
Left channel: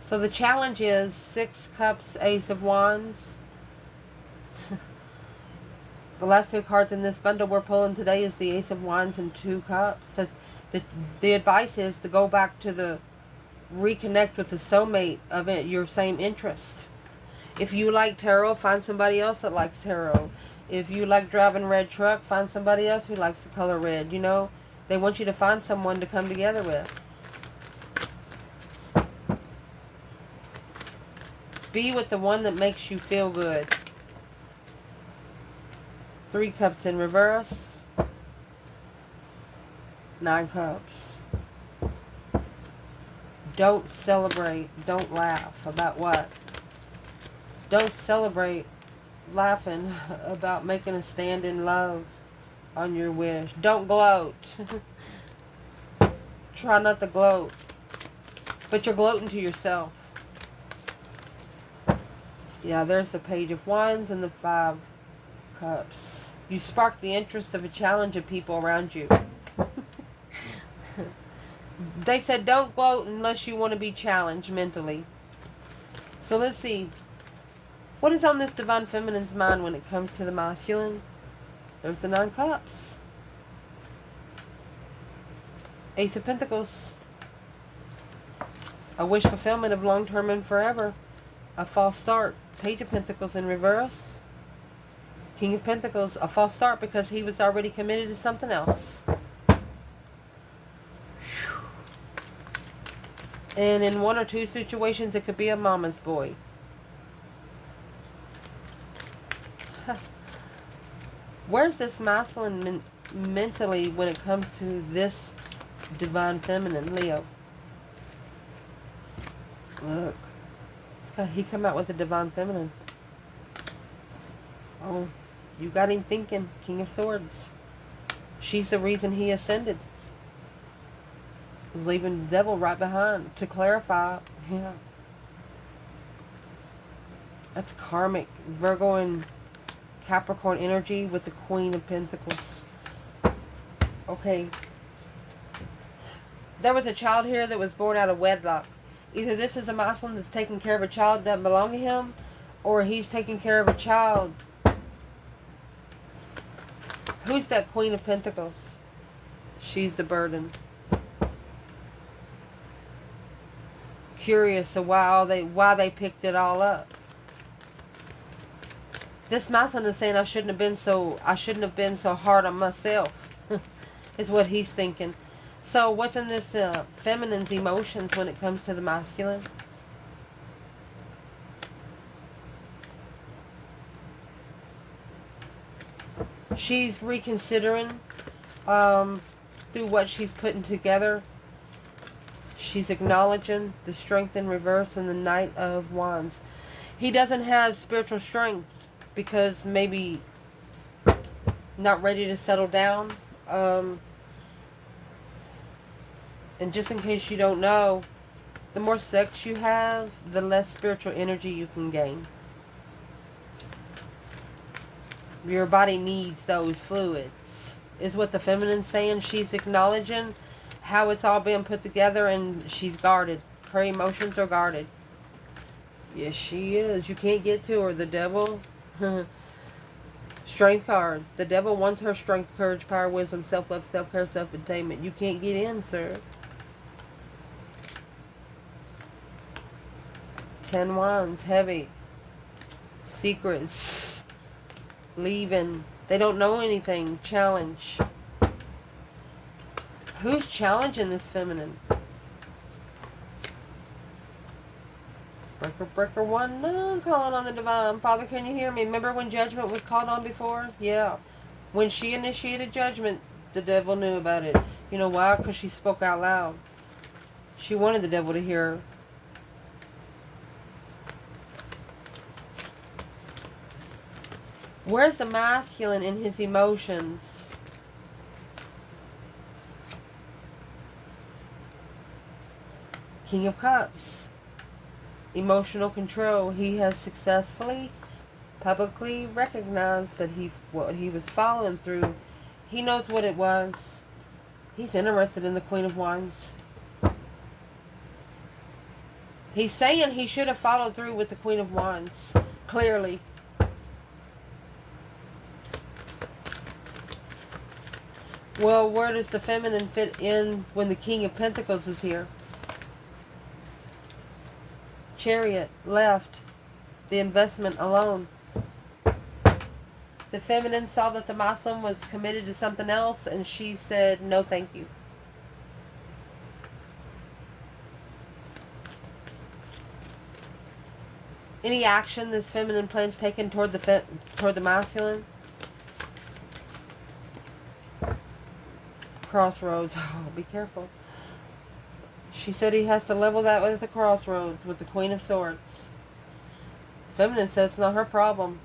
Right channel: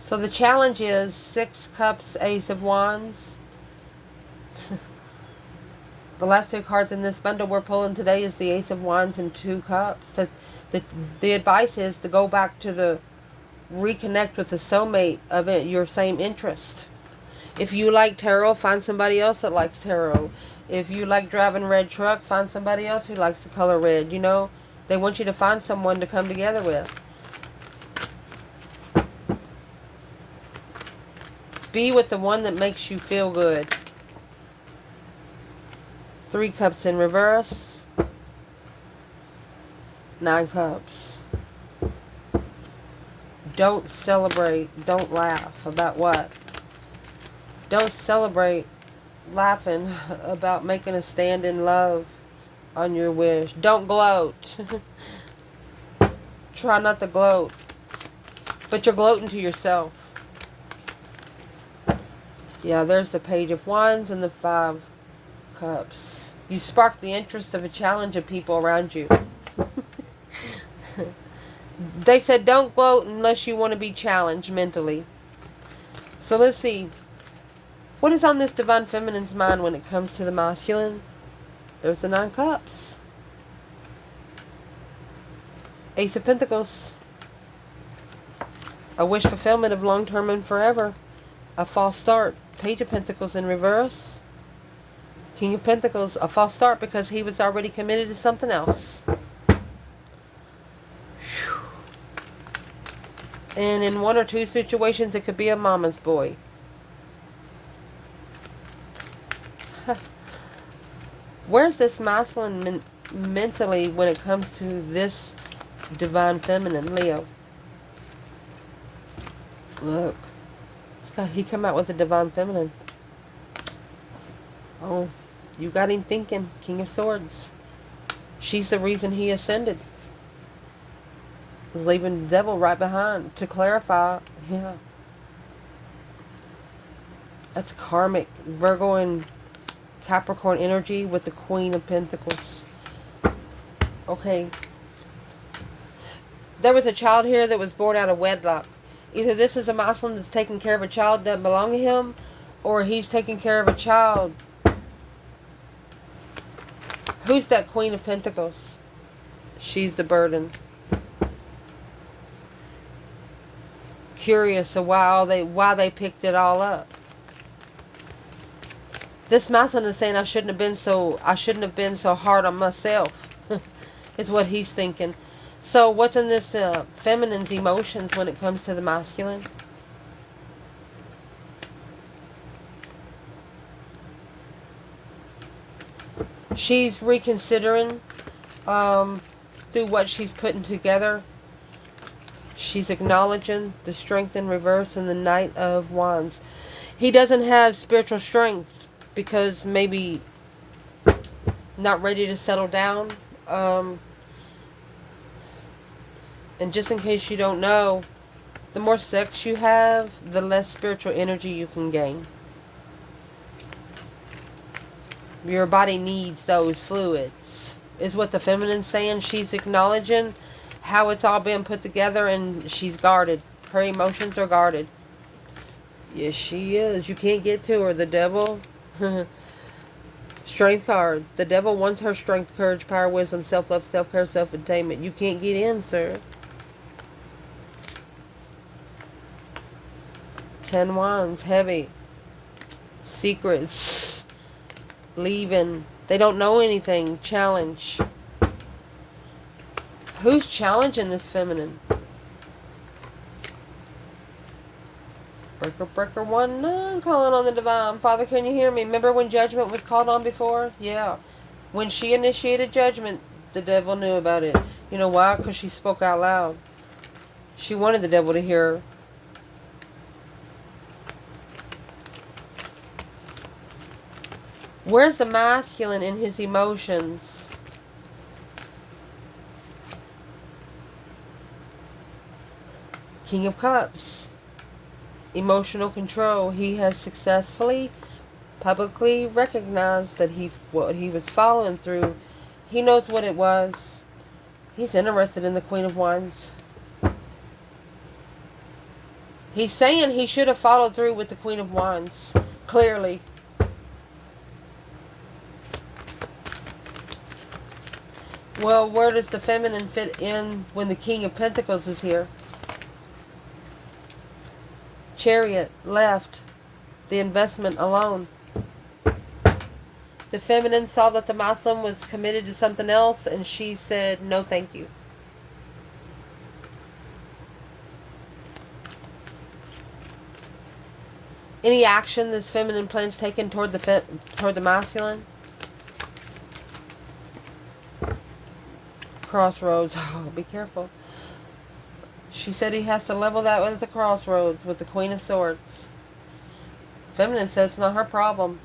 So the challenge is 6 cups, Ace of Wands. The last 2 cards in this bundle we're pulling today is the Ace of Wands and 2 cups. The advice is to go back to reconnect with the soulmate of it, your same interest. If you like tarot, find somebody else that likes tarot. If you like driving a red truck, find somebody else who likes the color red. You know, they want you to find someone to come together with. Be with the one that makes you feel good. 3 cups in reverse. 9 cups. Don't celebrate. Don't laugh. About what? Don't celebrate laughing about making a stand in love on your wish. Don't gloat. Try not to gloat. But you're gloating to yourself. Yeah, there's the Page of Wands and the 5 cups. You spark the interest of a challenge of people around you. They said don't gloat unless you want to be challenged mentally. So let's see. What is on this Divine Feminine's mind when it comes to the masculine? There's the 9 cups. Ace of Pentacles. A wish fulfillment of long-term and forever. A false start. Page of Pentacles in reverse. King of Pentacles. A false start because he was already committed to something else. And in 1 or 2 situations, it could be a mama's boy. Where's this masculine mentally when it comes to this Divine Feminine, Leo? Look. He come out with a Divine Feminine. Oh, you got him thinking. King of Swords. She's the reason he ascended. He's leaving the devil right behind. To clarify, yeah. That's karmic. Virgo and Capricorn energy with the Queen of Pentacles. Okay. There was a child here that was born out of wedlock. Either this is a masculine that's taking care of a child that doesn't belong to him, or he's taking care of a child. Who's that Queen of Pentacles? She's the burden. Curious of why they picked it all up. This masculine is saying I shouldn't have been so hard on myself. Is what he's thinking. So what's in this feminine's emotions when it comes to the masculine? She's reconsidering through what she's putting together. She's acknowledging the Strength in reverse and the Knight of Wands. He doesn't have spiritual strength because maybe not ready to settle down. And just in case you don't know, the more sex you have, the less spiritual energy you can gain. Your body needs those fluids, is what the feminine's saying. She's acknowledging how it's all been put together, and she's guarded. Her emotions are guarded. Yes, she is. You can't get to her. The devil. Strength card. The devil wants her strength, courage, power, wisdom, self-love, self-care, self-attainment. You can't get in, sir. 10 Wands. Heavy. Secrets. Leaving. They don't know anything. Challenge. Who's challenging this feminine? Breaker 1. No, I'm calling on the divine. Father, can you hear me? Remember when judgment was called on before? Yeah. When she initiated judgment, the devil knew about it. You know why? Because she spoke out loud. She wanted the devil to hear her. Where's the masculine in his emotions? King of Cups. Emotional control. He has successfully, publicly recognized that what he was following through. He knows what it was. He's interested in the Queen of Wands. He's saying he should have followed through with the Queen of Wands. Clearly. Well, where does the feminine fit in when the King of Pentacles is here? Chariot, left. The investment alone. The feminine saw that the masculine was committed to something else, and she said, no thank you. Any action this feminine plans taken toward the masculine? Crossroads. Oh, be careful. She said he has to level that with the crossroads with the Queen of Swords. Feminine says it's not her problem.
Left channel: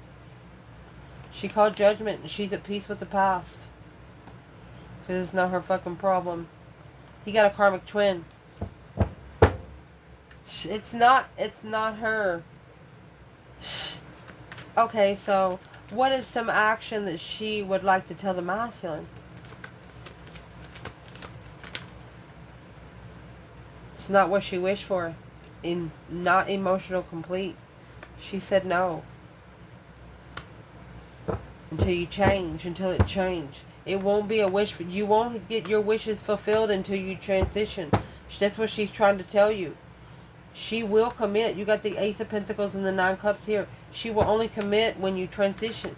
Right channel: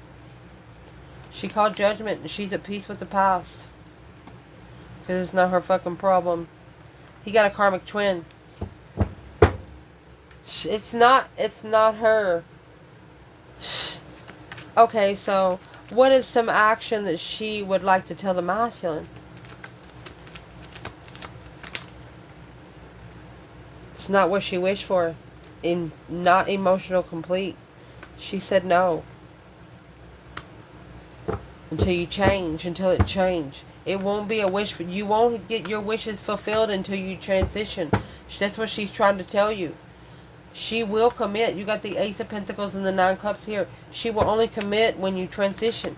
She called judgment and she's at peace with the past. Because it's not her fucking problem. He got a karmic twin. It's not her. Okay, so what is some action that she would like to tell the masculine? It's not what she wished for. Not emotional complete. She said no. Until you change. Until it change. It won't be a wish. You won't get your wishes fulfilled until you transition. That's what she's trying to tell you. She will commit. You got the Ace of Pentacles and the Nine of Cups here. She will only commit when you transition.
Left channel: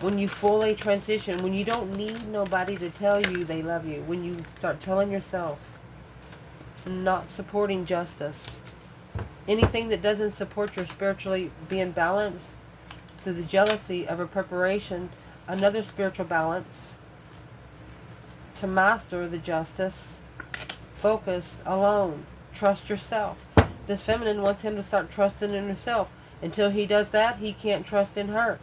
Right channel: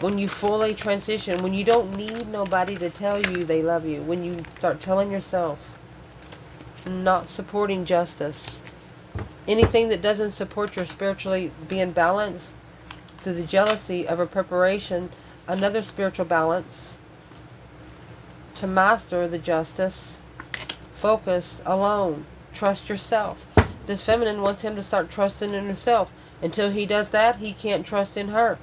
When you fully transition. When you don't need nobody to tell you they love you. When you start telling yourself. Not supporting justice. Anything that doesn't support your spiritually being balanced through the jealousy of a preparation, another spiritual balance to master the justice, focused, alone, trust yourself. This feminine wants him to start trusting in himself. Until he does that, he can't trust in her.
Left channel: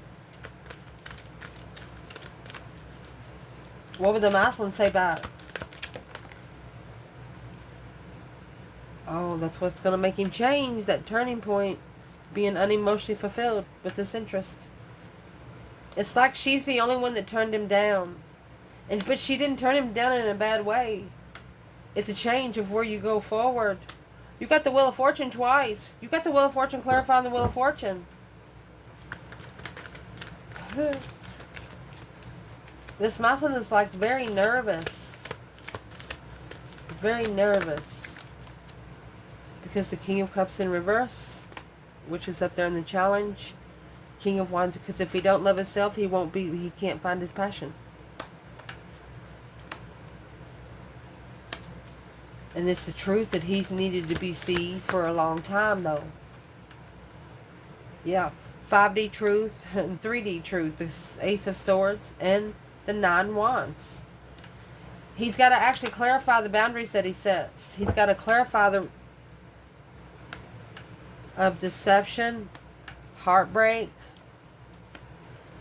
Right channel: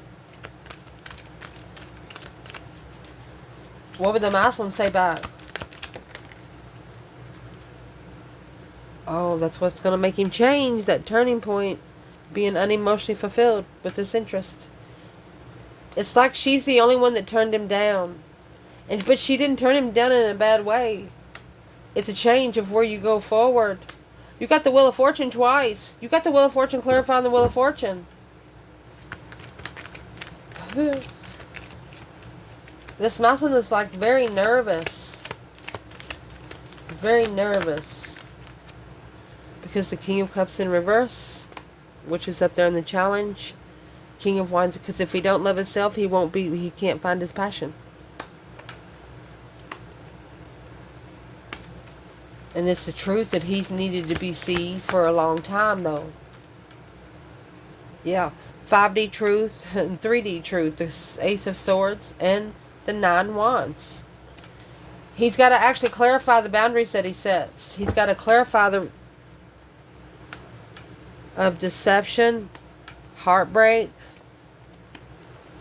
What would the masculine say back? Oh, that's what's going to make him change. That turning point. Being unemotionally fulfilled with this interest. It's like she's the only one that turned him down. But she didn't turn him down in a bad way. It's a change of where you go forward. You got the Wheel of Fortune twice. You got the Wheel of Fortune clarifying the Wheel of Fortune. This masculine is like very nervous. Very nervous. Because the King of Cups in reverse, which is up there in the challenge. King of Wands, because if he don't love himself, he can't find his passion. And it's the truth that he's needed to be seen for a long time, though. Yeah. 5D truth and 3D truth. The Ace of Swords and the 9 Wands. He's got to actually clarify the boundaries that he sets. He's got to clarify the of deception, heartbreak,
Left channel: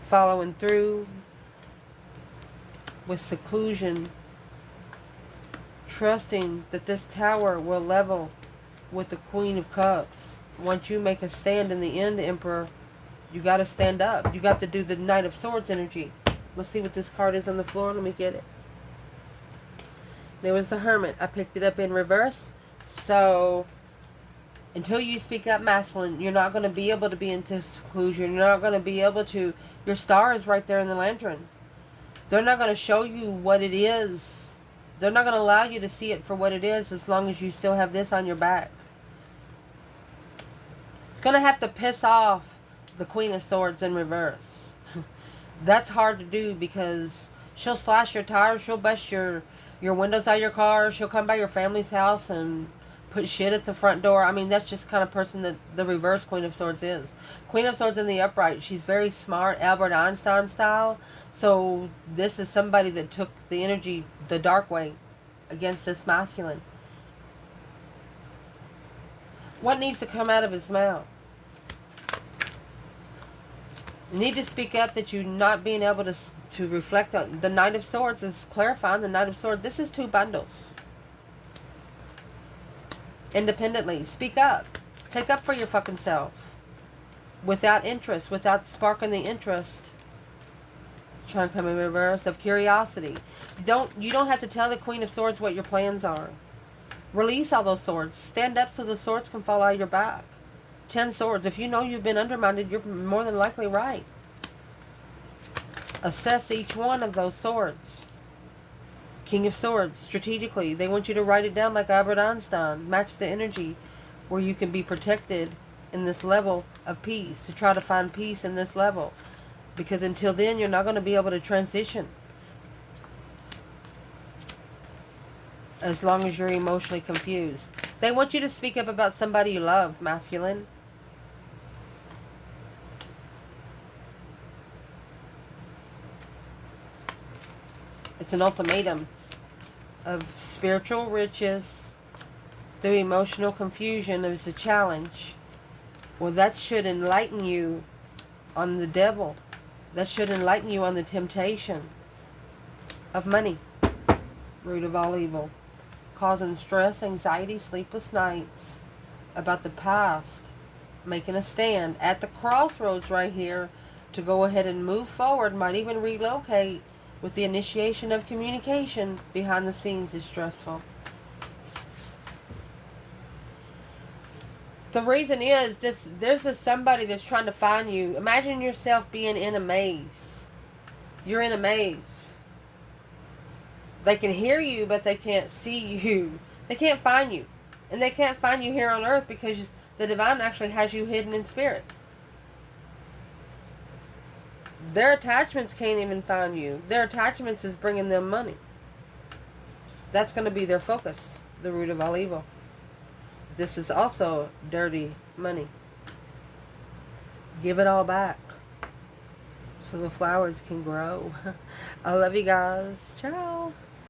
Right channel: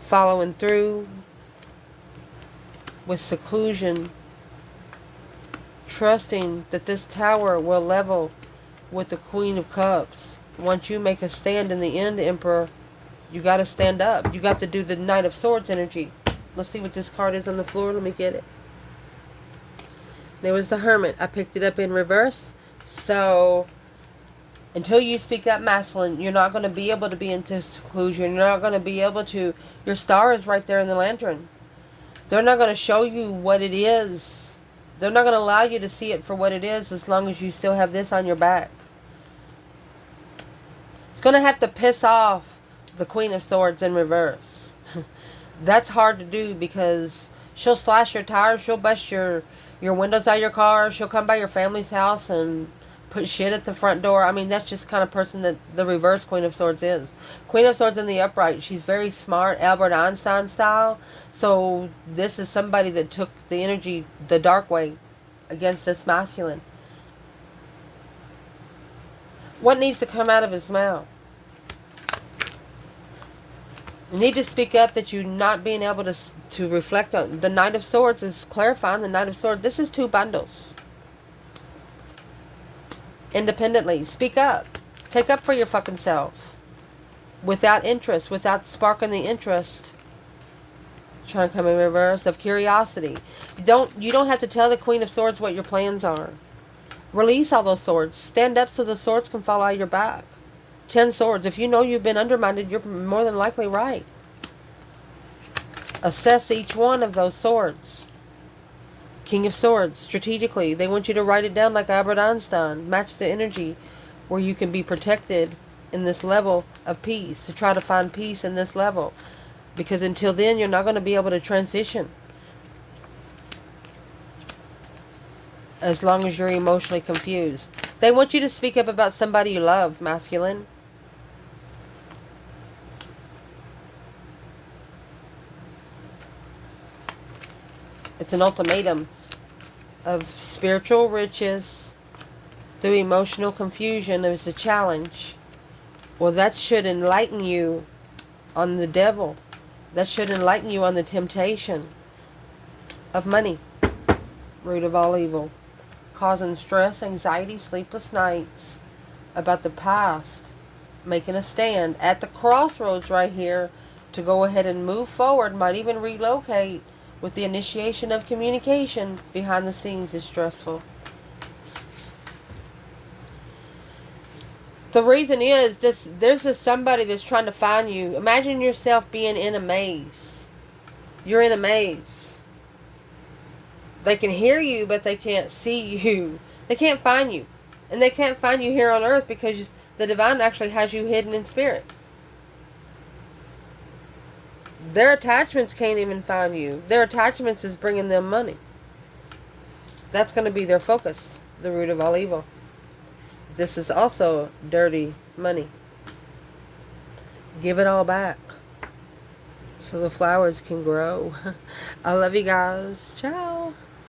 following through with seclusion, trusting that this tower will level with the Queen of Cups. Once you make a stand in the end, Emperor, you got to stand up. You got to do the Knight of Swords energy. Let's see what this card is on the floor. Let me get it. There was the Hermit. I picked it up in reverse. So until you speak up masculine, you're not going to be able to be into seclusion. You're not going to be able to. Your star is right there in the lantern. They're not going to show you what it is. They're not going to allow you to see it for what it is as long as you still have this on your back. It's going to have to piss off the Queen of Swords in reverse. That's hard to do because she'll slash your tires. She'll bust your windows out of your car. She'll come by your family's house and put shit at the front door. I mean, that's just the kind of person that the reverse Queen of Swords is. Queen of Swords in the upright. She's very smart, Albert Einstein style. So this is somebody that took the energy the dark way against this masculine. What needs to come out of his mouth? You need to speak up that you're not being able to reflect on. The Knight of Swords is clarifying the Knight of Swords. This is 2 bundles. independently. Speak up. Take up for your fucking self. Without interest, without sparking the interest. Trying to come in reverse of curiosity. You don't have to tell the Queen of Swords what your plans are. Release all those swords. Stand up so the swords can fall out of your back. 10 swords. If you know you've been undermined, you're more than likely right. Assess each one of those swords. King of Swords, strategically. They want you to write it down like Albert Einstein. Match the energy where you can be protected in this level of peace. To try to find peace in this level. Because until then, you're not going to be able to transition. As long as you're emotionally confused. They want you to speak up about somebody you love, masculine. It's an ultimatum of spiritual riches through emotional confusion. There's a challenge. Well, that should enlighten you on the devil. That should enlighten you on the temptation of money. Root of all evil. Causing stress, anxiety, sleepless nights about the past. Making a stand at the crossroads right here to go ahead and move forward. Might even relocate. With the initiation of communication behind the scenes is stressful. The reason is there's somebody that's trying to find you. Imagine yourself being in a maze. You're in a maze. They can hear you, but they can't see you. They can't find you. And they can't find you here on earth because the divine actually has you hidden in spirit. Their attachments can't even find you. Their attachments is bringing them money. That's going to be their focus. The root of all evil. This is also dirty money. Give it all back. So the flowers can grow. I love you guys. Ciao.